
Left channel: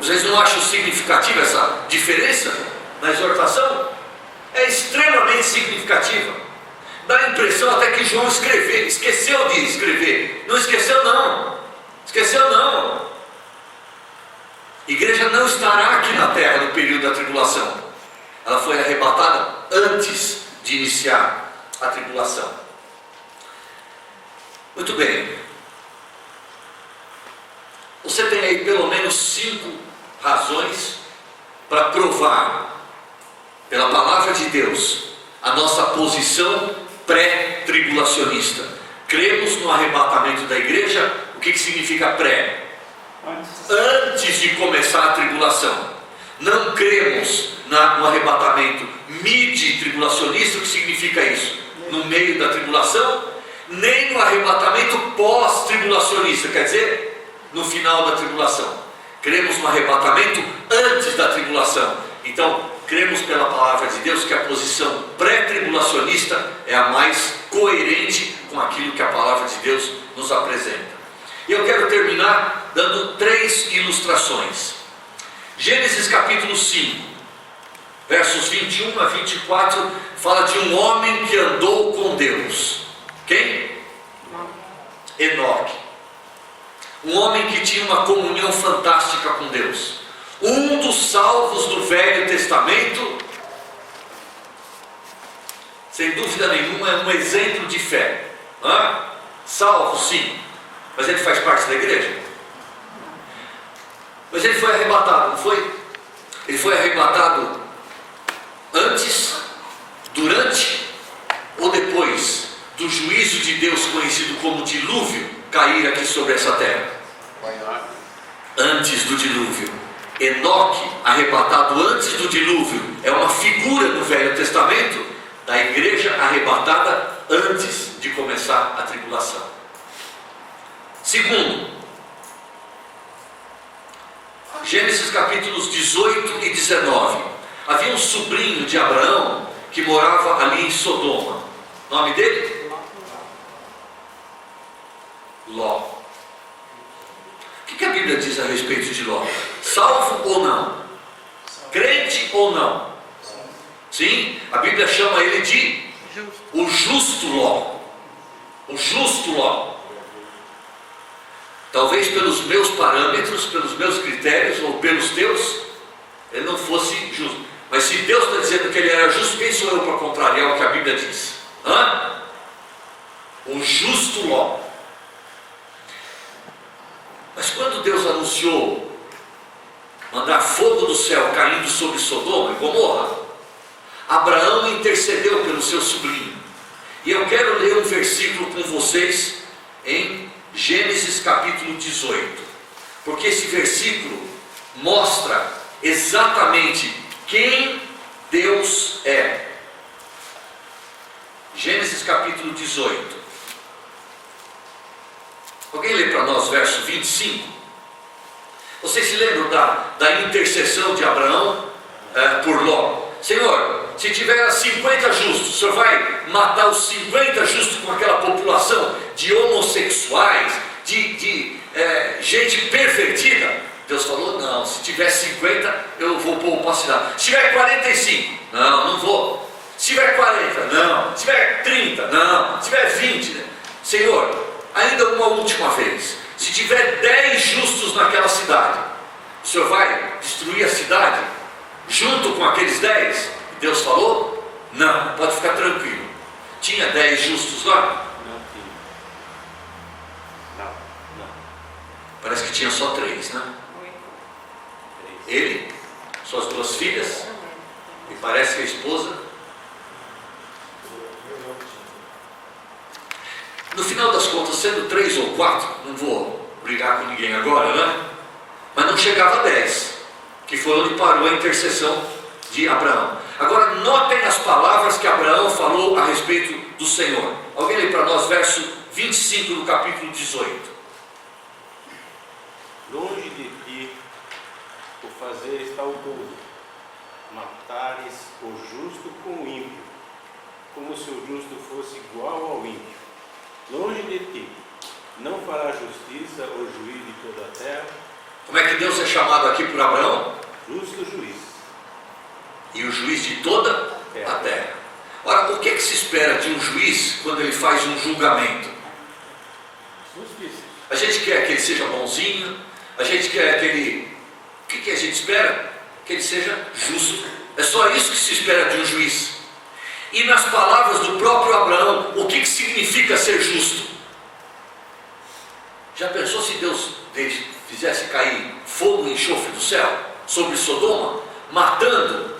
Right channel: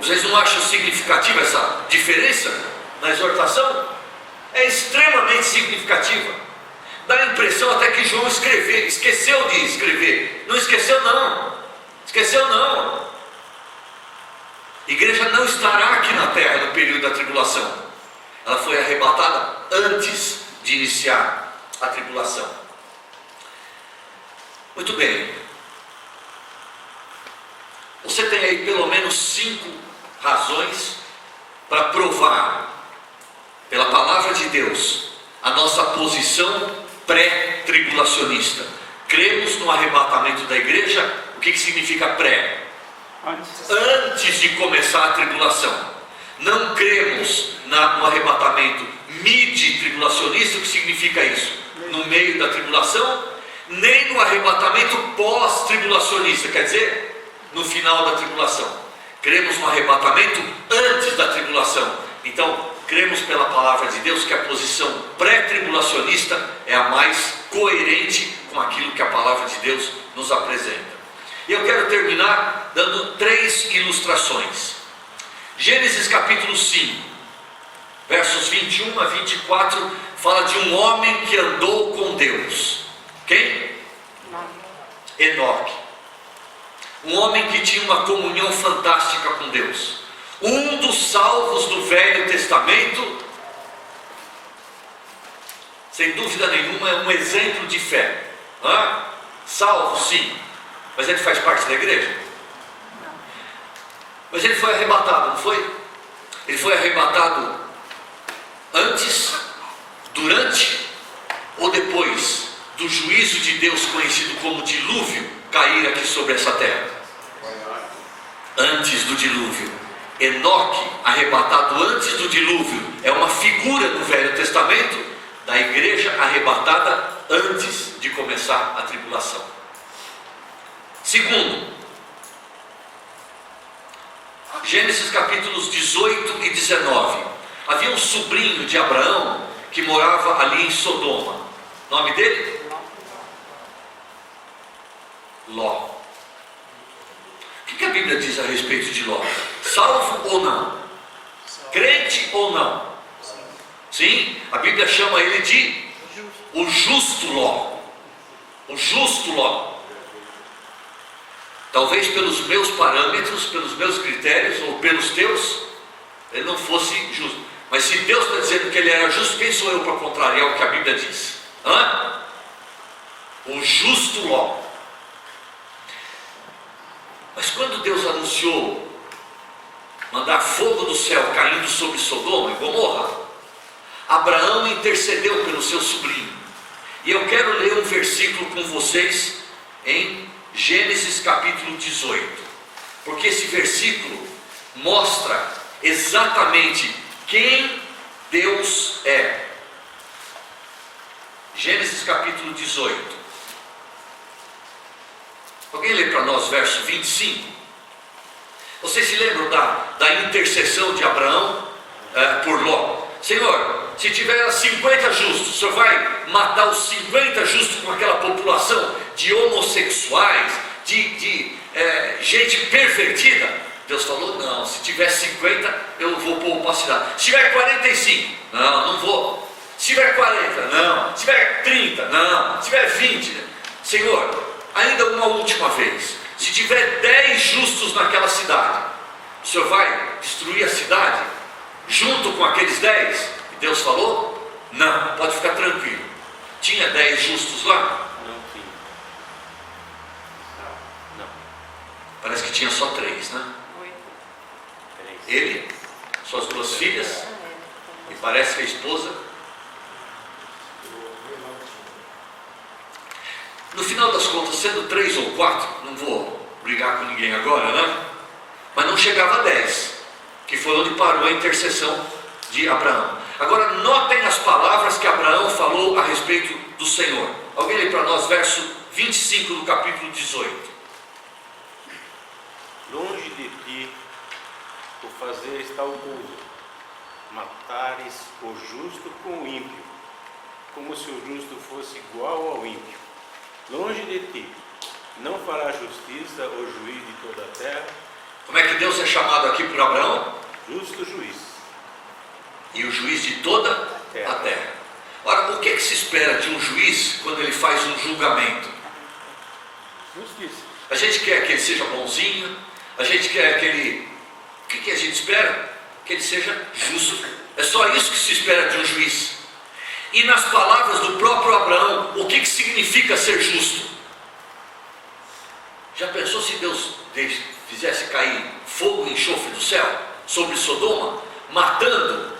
Vocês não acham significativa essa diferença na exortação? é extremamente significativa. Dá a impressão até que João esqueceu de escrever. Não esqueceu não. Esqueceu não. A igreja não estará aqui na terra no período da tribulação. Ela foi arrebatada antes de iniciar a tribulação. Muito bem. Você tem aí pelo menos 5 razões para provar, pela palavra de Deus, a nossa posição pré-tribulacionista. Cremos no arrebatamento da igreja. O que significa pré? Antes de começar a tribulação. Não cremos no arrebatamento mid-tribulacionista. O que significa isso? No meio da tribulação. Nem no arrebatamento pós-tribulacionista, quer dizer, no final da tribulação. Cremos no arrebatamento antes da tribulação. Então, cremos pela palavra de Deus que a posição pré-tribulacionista é a mais coerente com aquilo que a palavra de Deus nos apresenta. E eu quero terminar dando 3 ilustrações. Gênesis capítulo 5, versos 21 a 24, fala de um homem que andou com Deus. Quem? Enoque. Um homem que tinha uma comunhão fantástica com Deus. Um dos salvos do Velho Testamento, sem dúvida nenhuma, é um exemplo de fé. Salvo, sim, mas ele faz parte da igreja. Mas ele foi arrebatado, não foi? Ele foi arrebatado antes, durante ou depois do juízo de Deus conhecido como dilúvio cair aqui sobre essa terra? Antes do dilúvio. Enoque, arrebatado antes do dilúvio, é uma figura no Velho Testamento da igreja arrebatada antes de começar a tribulação. Segundo, Gênesis capítulos 18 e 19. Havia um sobrinho de Abraão que morava ali em Sodoma. O nome dele? Ló. O que a Bíblia diz a respeito de Ló? Salvo ou não? Crente ou não? Sim, a Bíblia chama ele de o justo Ló. O justo Ló. Talvez pelos meus parâmetros, pelos meus critérios ou pelos teus, ele não fosse justo. Mas se Deus está dizendo que ele era justo, quem sou eu para contrariar o que a Bíblia diz? O justo Ló. Mas quando Deus anunciou mandar fogo do céu caindo sobre Sodoma e Gomorra, Abraão intercedeu pelo seu sobrinho. E eu quero ler um versículo com vocês em Gênesis capítulo 18, porque esse versículo mostra exatamente quem Deus é. Gênesis capítulo 18. Alguém lê para nós verso 25? Vocês se lembram da intercessão de Abraão por Ló? Senhor, se tiver 50 justos, o Senhor vai matar os 50 justos com aquela população de homossexuais, de gente pervertida? Deus falou, não, se tiver 50, eu vou poupar a cidade. Se tiver 45, não vou. Se tiver 40, não. Se tiver 30, não. Se tiver 20, Senhor, ainda uma última vez, se tiver 10 justos naquela cidade, o Senhor vai destruir a cidade junto com aqueles 10? E Deus falou, não, pode ficar tranquilo. Tinha 10 justos lá? Parece que tinha só 3, né? Ele, suas 2 filhas, e parece que a esposa. No final das contas, sendo 3 ou 4, não vou brigar com ninguém agora, né? Mas não chegava a 10, que foi onde parou a intercessão de Abraão. Agora notem as palavras que Abraão falou a respeito do Senhor. Alguém lê para nós verso 25 do capítulo 18. Longe de ti o fazeres tal coisa, matares o justo com o ímpio, como se o justo fosse igual ao ímpio. Longe de ti, não fará justiça o juiz de toda a terra. Como é que Deus é chamado aqui por Abraão? Justo juiz. E o juiz de toda a terra. Ora, o que se espera de um juiz quando ele faz um julgamento? Justiça. A gente quer que ele seja bonzinho, a gente quer que ele... O que a gente espera? Que ele seja justo. É só isso que se espera de um juiz. E nas palavras do próprio Abraão, o que significa ser justo? Já pensou se Deus fizesse cair fogo e enxofre do céu sobre Sodoma, matando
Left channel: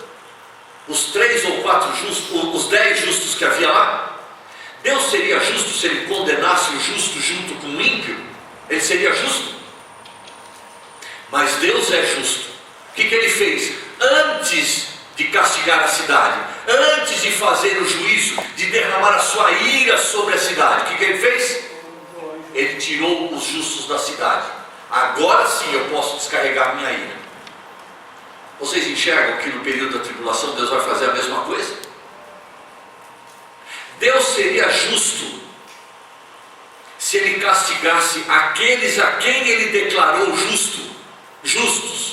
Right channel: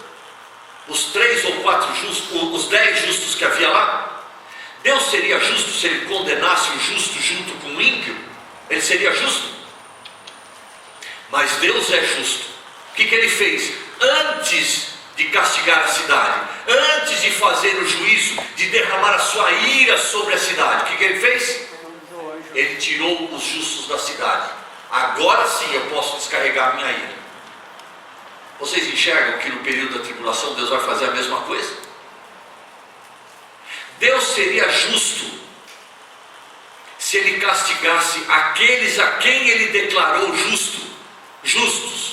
os 3 ou 4 justos, os 10 justos que havia lá? Deus seria justo se ele condenasse o justo junto com o ímpio? Ele seria justo? Mas Deus é justo. O que ele fez? Antes de castigar a cidade, antes de fazer o juízo, de derramar a sua ira sobre a cidade, o que ele fez? Ele tirou os justos da cidade. Agora sim eu posso descarregar minha ira. Vocês enxergam que no período da tribulação Deus vai fazer a mesma coisa? Deus seria justo se ele castigasse aqueles a quem ele declarou justos,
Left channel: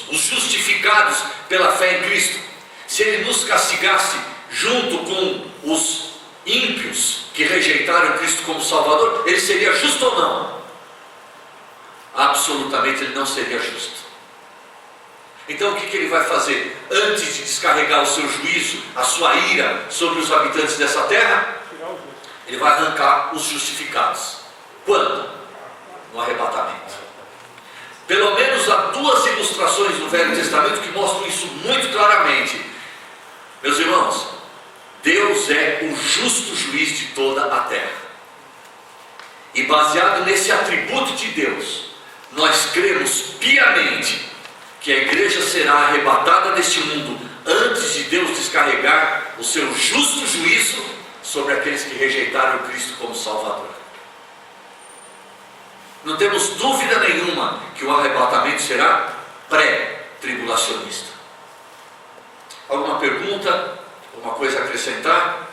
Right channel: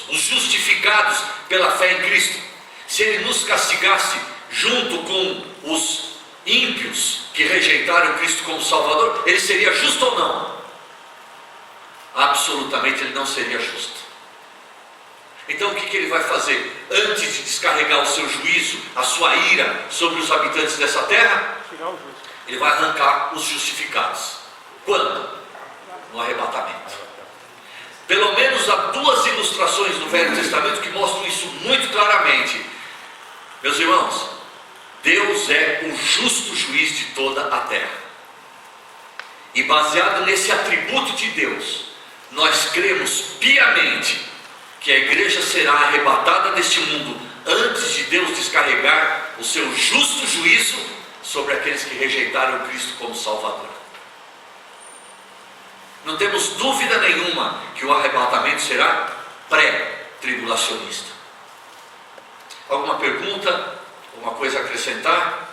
os justificados pela fé em Cristo. Se ele nos castigasse junto com os ímpios que rejeitaram Cristo como Salvador, ele seria justo ou não? Absolutamente ele não seria justo. Então o que ele vai fazer? Antes de descarregar o seu juízo, a sua ira sobre os habitantes dessa terra, ele vai arrancar os justificados. Quando? No arrebatamento. Pelo menos há 2 ilustrações no Velho Testamento que mostram isso muito claramente. Meus irmãos, Deus é o justo juiz de toda a terra. E baseado nesse atributo de Deus, nós cremos piamente que a igreja será arrebatada deste mundo antes de Deus descarregar o seu justo juízo sobre aqueles que rejeitaram Cristo como Salvador. Não temos dúvida nenhuma que o arrebatamento será pré-tribulacionista. Alguma pergunta? Alguma coisa a acrescentar?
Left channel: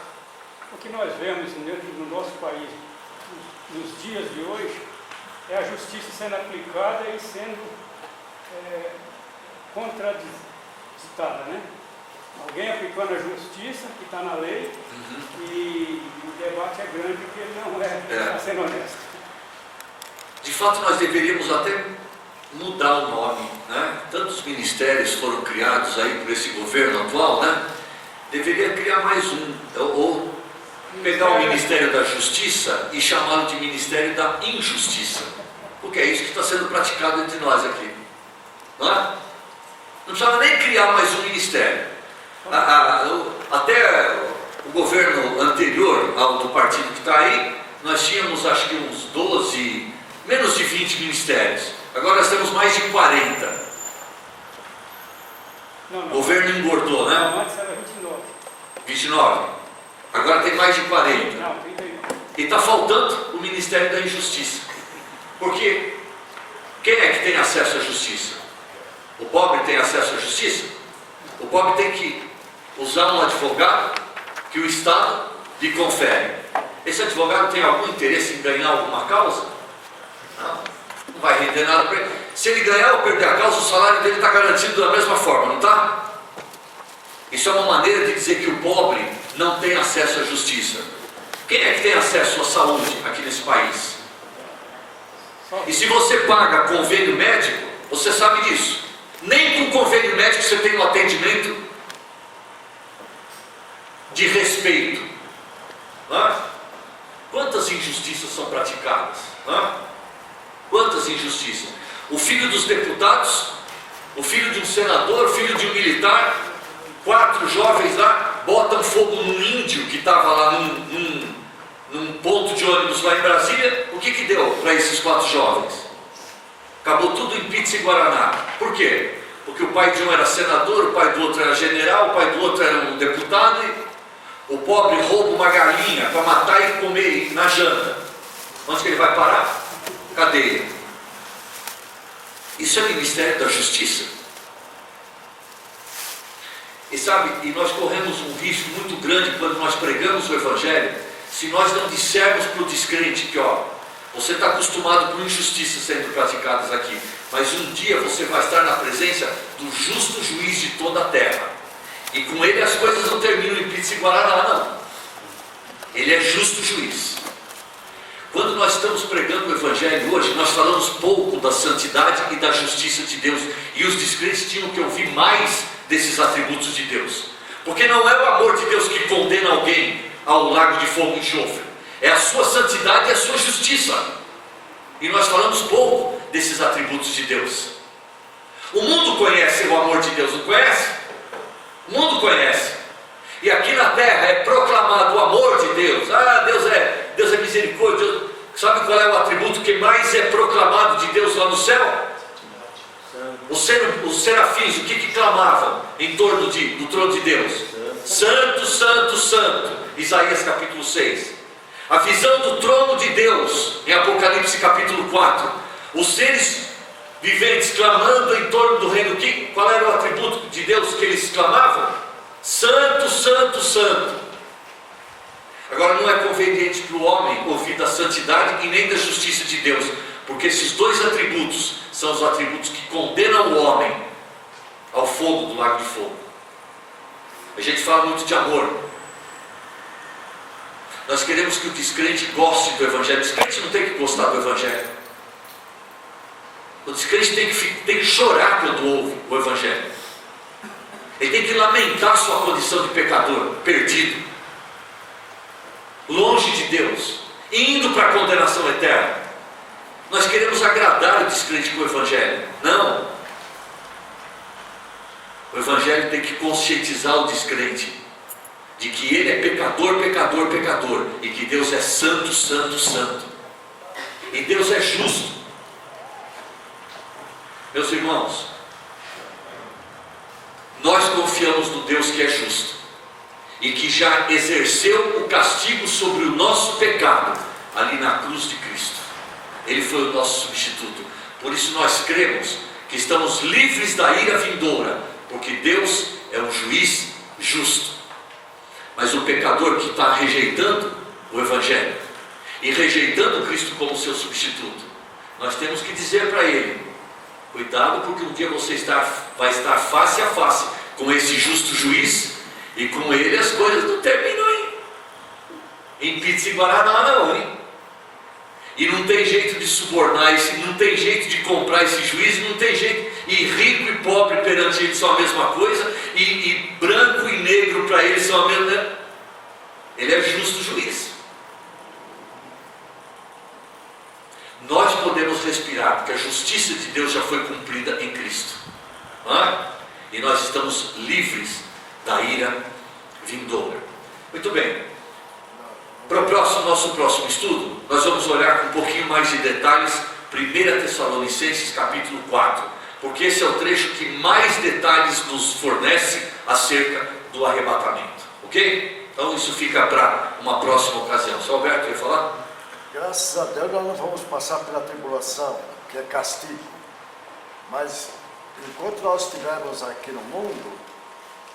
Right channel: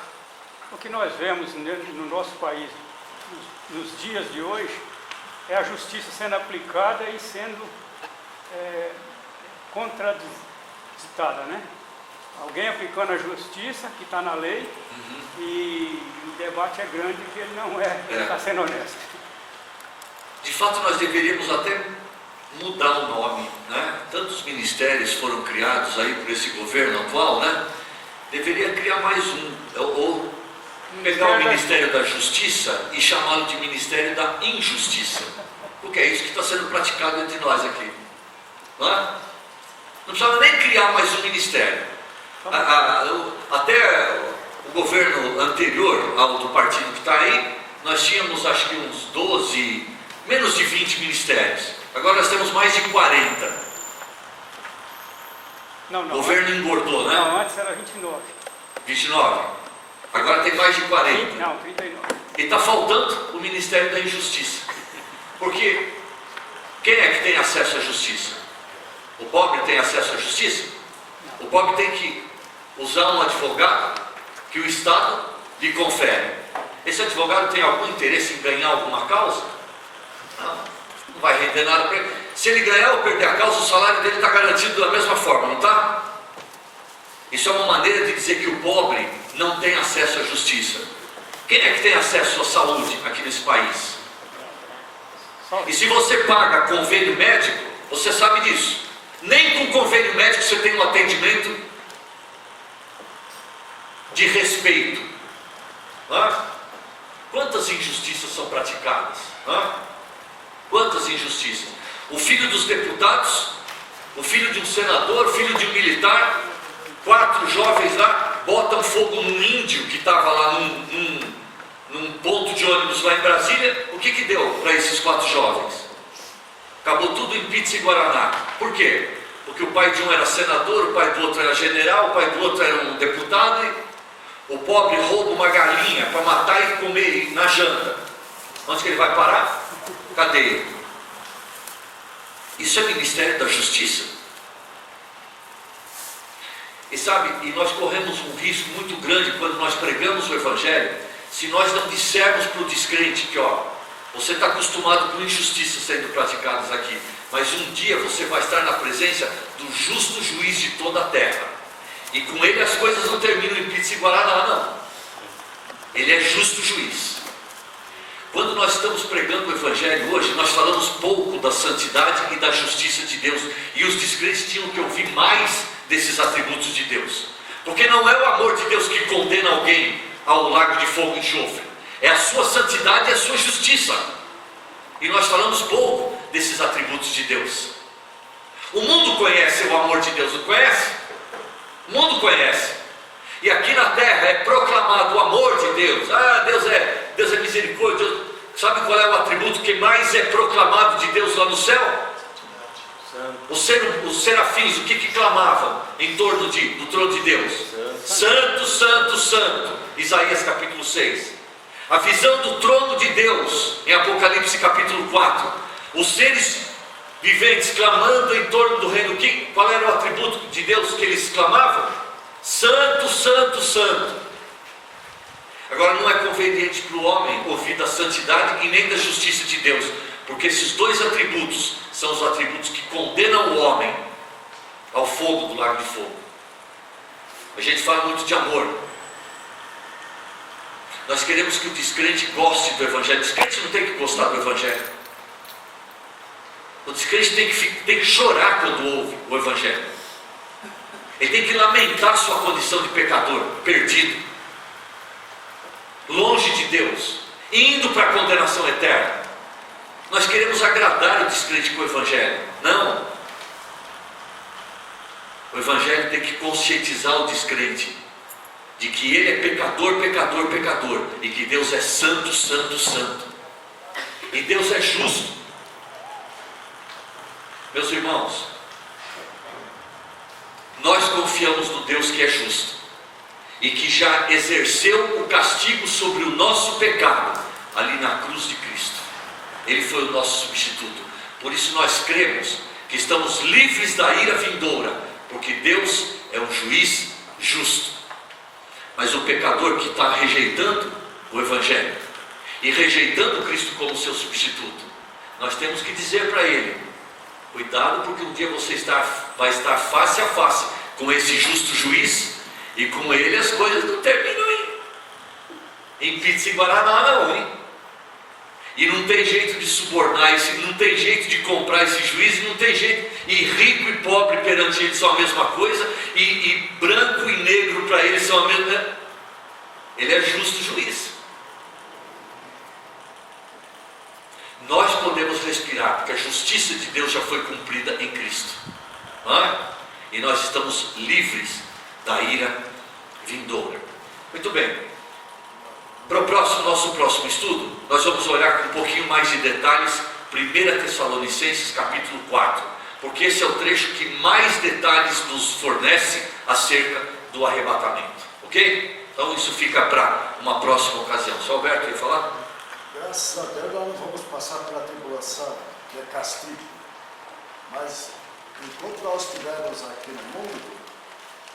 O que nós vemos no nosso país nos dias de hoje é a justiça sendo aplicada e sendo contraditada, né? Alguém aplicando a justiça que está na lei, e o debate é grande que ele não está sendo honesto. De fato, nós deveríamos até mudar o nome, né? Tantos ministérios foram criados aí por esse governo atual, né? Deveria criar mais um, ou pegar o Ministério da Justiça e chamá-lo de Ministério da Injustiça, porque é isso que está sendo praticado entre nós aqui, não é? Não precisava nem criar mais um ministério. Até o governo anterior ao do partido que está aí, nós tínhamos acho que uns 12, menos de 20 ministérios. Agora nós temos mais de 40. Não. O governo engordou, né? Não, antes era 29. 29. Agora tem mais de 40. Não, 39. E está faltando o Ministério da Injustiça. Porque quem é que tem acesso à justiça? O pobre tem acesso à justiça? O pobre tem que usar um advogado que o Estado lhe confere. Esse advogado tem algum interesse em ganhar alguma causa? Não vai render nada para ele. Se ele ganhar ou perder a causa, o salário dele está garantido da mesma forma, não está? Isso é uma maneira de dizer que o pobre não tem acesso à justiça. Quem é que tem acesso à saúde aqui nesse país? E se você paga convênio médico, você sabe disso. Nem com convênio médico você tem um atendimento de respeito. Quantas injustiças são praticadas? Quantas injustiças? O filho dos deputados, o filho de um senador, o filho de um militar, 4 jovens lá botam fogo num índio que estava lá num ponto de ônibus lá em Brasília. O que deu para esses 4 jovens? Acabou tudo em pizza e guaraná. Por quê? Porque o pai de um era senador, o pai do outro era general, o pai do outro era um deputado, e o pobre rouba uma galinha para matar e comer na janta. Onde que ele vai parar? Cadeia. Isso é Ministério da Justiça. E sabe, nós corremos um risco muito grande quando nós pregamos o Evangelho, se nós não dissermos para o descrente que, você está acostumado com injustiças sendo praticadas aqui, mas um dia você vai estar na presença do justo juiz de toda a terra. E com ele as coisas não terminam em pizza e guaraná, não. Ele é justo juiz. Quando nós estamos pregando o Evangelho hoje, nós falamos pouco da santidade e da justiça de Deus. E os descrentes tinham que ouvir mais desses atributos de Deus. Porque não é o amor de Deus que condena alguém ao lago de fogo e enxofre. É a sua santidade e a sua justiça. E nós falamos pouco desses atributos de Deus. O mundo conhece o amor de Deus, não conhece? O mundo conhece. E aqui na terra é proclamado o amor de Deus. Ah, Deus é misericórdia. Sabe qual é o atributo que mais é proclamado de Deus lá no céu? Os serafins, o que clamavam em torno do trono de Deus? Santo, santo, santo. Isaías capítulo 6. A visão do trono de Deus em Apocalipse capítulo 4. Os seres viventes clamando em torno do reino. Qual era o atributo de Deus que eles clamavam? Santo, santo, santo. Agora não é conveniente para o homem ouvir da santidade e nem da justiça de Deus, porque esses dois atributos são os atributos que condenam o homem ao fogo do lago de fogo. A gente fala muito de amor. Nós queremos que o descrente goste do Evangelho. O descrente não tem que gostar do Evangelho. O descrente tem que chorar quando ouve o Evangelho. Ele tem que lamentar sua condição de pecador, perdido, longe de Deus, indo para a condenação eterna. Nós queremos agradar o descrente com o Evangelho. Não. O Evangelho tem que conscientizar o descrente de que ele é pecador, pecador, pecador, e que Deus é santo, santo, santo. E Deus é justo. Meus irmãos, nós confiamos no Deus que é justo e que já exerceu o castigo sobre o nosso pecado ali na cruz de Cristo. Ele foi o nosso substituto. Por isso nós cremos que estamos livres da ira vindoura, porque Deus é um juiz justo. Mas o pecador que está rejeitando o Evangelho e rejeitando Cristo como seu substituto, nós temos que dizer para ele: cuidado, porque um dia você vai estar face a face com esse justo juiz, e com ele as coisas não terminam em pizza e guaraná, não, hein? E não tem jeito de subornar, não tem jeito de comprar esse juiz, não tem jeito, e rico e pobre perante ele são a mesma coisa, e branco e negro para ele são a mesma coisa. Ele é justo juiz. Nós podemos respirar, porque a justiça de Deus já foi cumprida em Cristo, e nós estamos livres da ira vindoura. Muito bem. Para o nosso próximo estudo, nós vamos olhar com um pouquinho mais de detalhes 1 Tessalonicenses capítulo 4, porque esse é o trecho que mais detalhes nos fornece acerca do arrebatamento, ok? Então isso fica para uma próxima ocasião. Só Alberto quer falar? Graças a Deus nós não vamos passar pela tribulação, que é castigo. Mas enquanto nós estivermos aqui no mundo,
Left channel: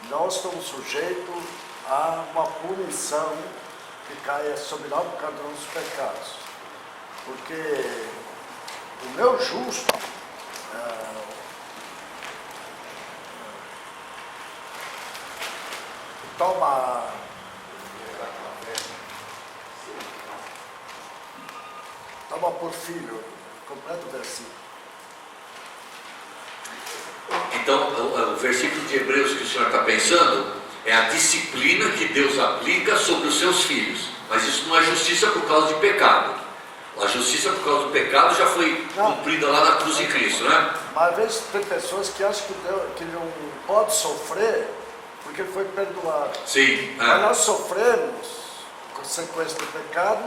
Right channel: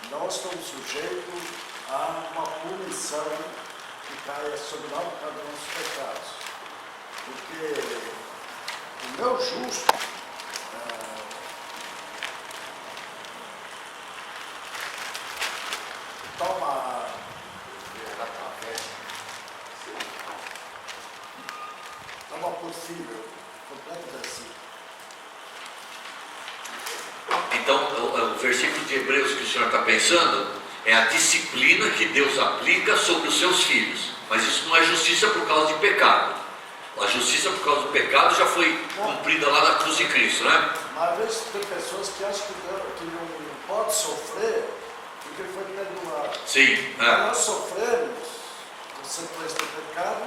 nós estamos sujeitos a uma punição que caia sobre nós por causa dos nossos pecados. Porque o meu justo toma por filho, completo versículo. Então, o versículo de Hebreus que o senhor está pensando é a disciplina que Deus aplica sobre os seus filhos. Mas isso não é justiça por causa de pecado. A justiça por causa do pecado já foi cumprida lá na cruz de Cristo, né? Mas às vezes tem pessoas que acham que não pode sofrer porque foi perdoado. Sim. Mas nós sofremos consequência do pecado,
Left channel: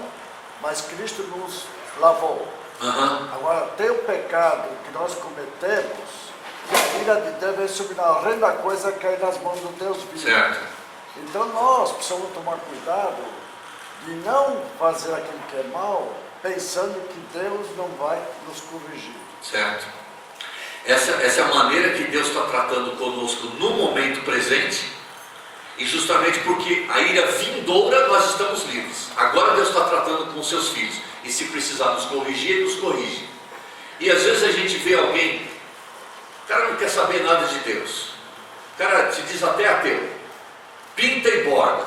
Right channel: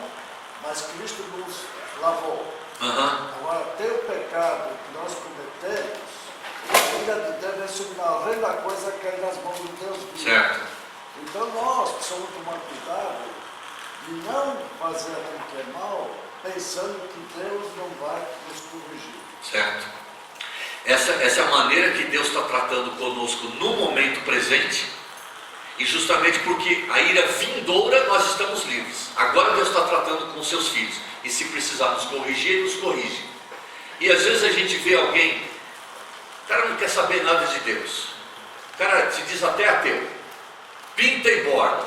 mas Cristo nos lavou. Agora, tem o pecado que nós cometemos, a ira de Deus vem sobre nós, a reina da coisa cai nas mãos do Deus vivo. Certo. Então nós precisamos tomar cuidado de não fazer aquilo que é mal, pensando que Deus não vai nos corrigir. Certo. Essa é a maneira que Deus está tratando conosco no momento presente, e justamente porque a ira vindoura nós estamos livres. Agora Deus está tratando com os seus filhos, e se precisar nos corrigir, Ele nos corrige. E às vezes a gente vê alguém, o cara não quer saber nada de Deus, o cara se diz até ateu, pinta e borda,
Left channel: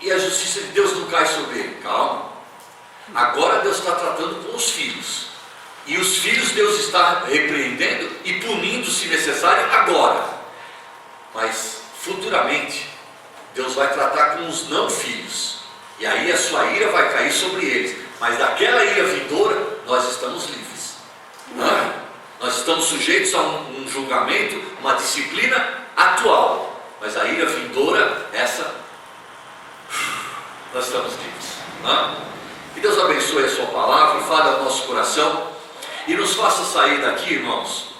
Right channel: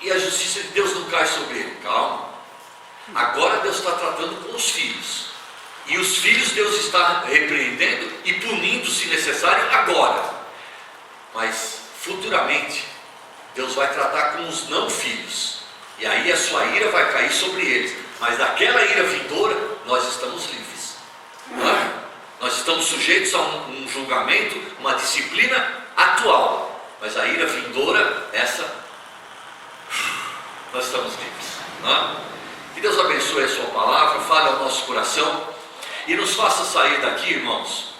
e a justiça de Deus não cai sobre ele. Calma. Agora Deus está tratando com os filhos. E os filhos Deus está repreendendo e punindo, se necessário, agora. Mas futuramente Deus vai tratar com os não filhos. E aí a sua ira vai cair sobre eles. Mas daquela ira vindoura, nós estamos livres. Não é? Nós estamos sujeitos a um julgamento, uma disciplina atual. Mas a ira vindoura, essa, nós estamos livres. Não é? Que Deus abençoe a sua palavra, fale ao nosso coração e nos faça sair daqui, irmãos,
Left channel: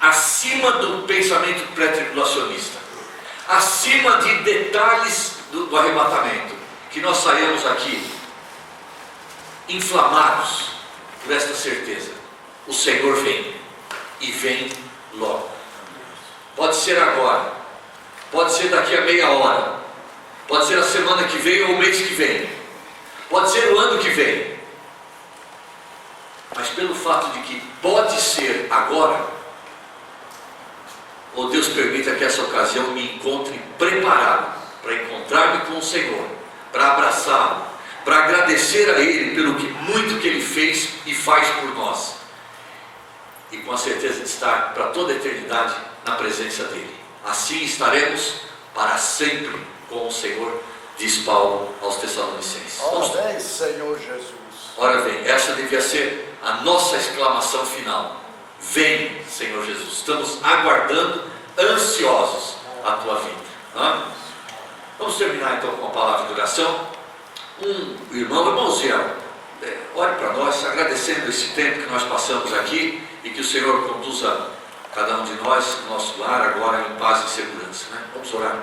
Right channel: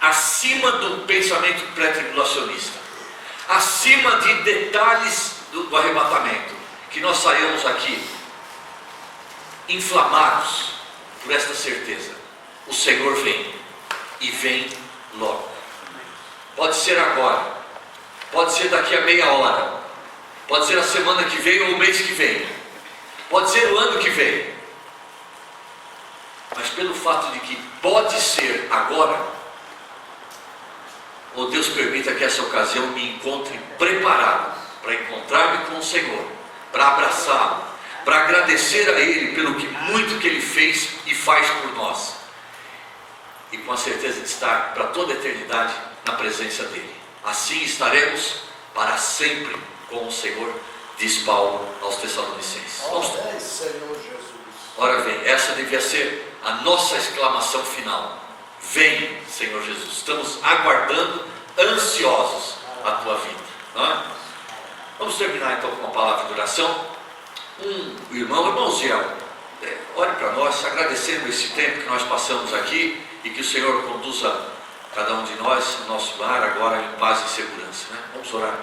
acima do pensamento pré-tribulacionista, acima de detalhes do arrebatamento, que nós saímos aqui inflamados por esta certeza: o Senhor vem, e vem logo. Pode ser agora, pode ser daqui a meia hora, pode ser a semana que vem ou o mês que vem, pode ser o ano que vem, mas pelo fato de que pode ser agora, ou Deus permita que essa ocasião me encontre preparado para encontrar-me com o Senhor, para abraçá-lo, para agradecer a Ele pelo muito que Ele fez e faz por nós, e com a certeza de estar para toda a eternidade na presença dEle. Assim estaremos para sempre com o Senhor, diz Paulo aos Tessalonicenses. Amém, Senhor Jesus. Ora vem, essa devia ser a nossa exclamação final: vem, Senhor Jesus. Estamos aguardando, ansiosos, a tua vinda. Não é? Vamos terminar então com uma palavra de oração. Irmãozinho, ore para nós, agradecendo esse tempo que nós passamos aqui, e que o Senhor conduza cada um de nós no nosso lar agora em paz e segurança. Né? Vamos orar.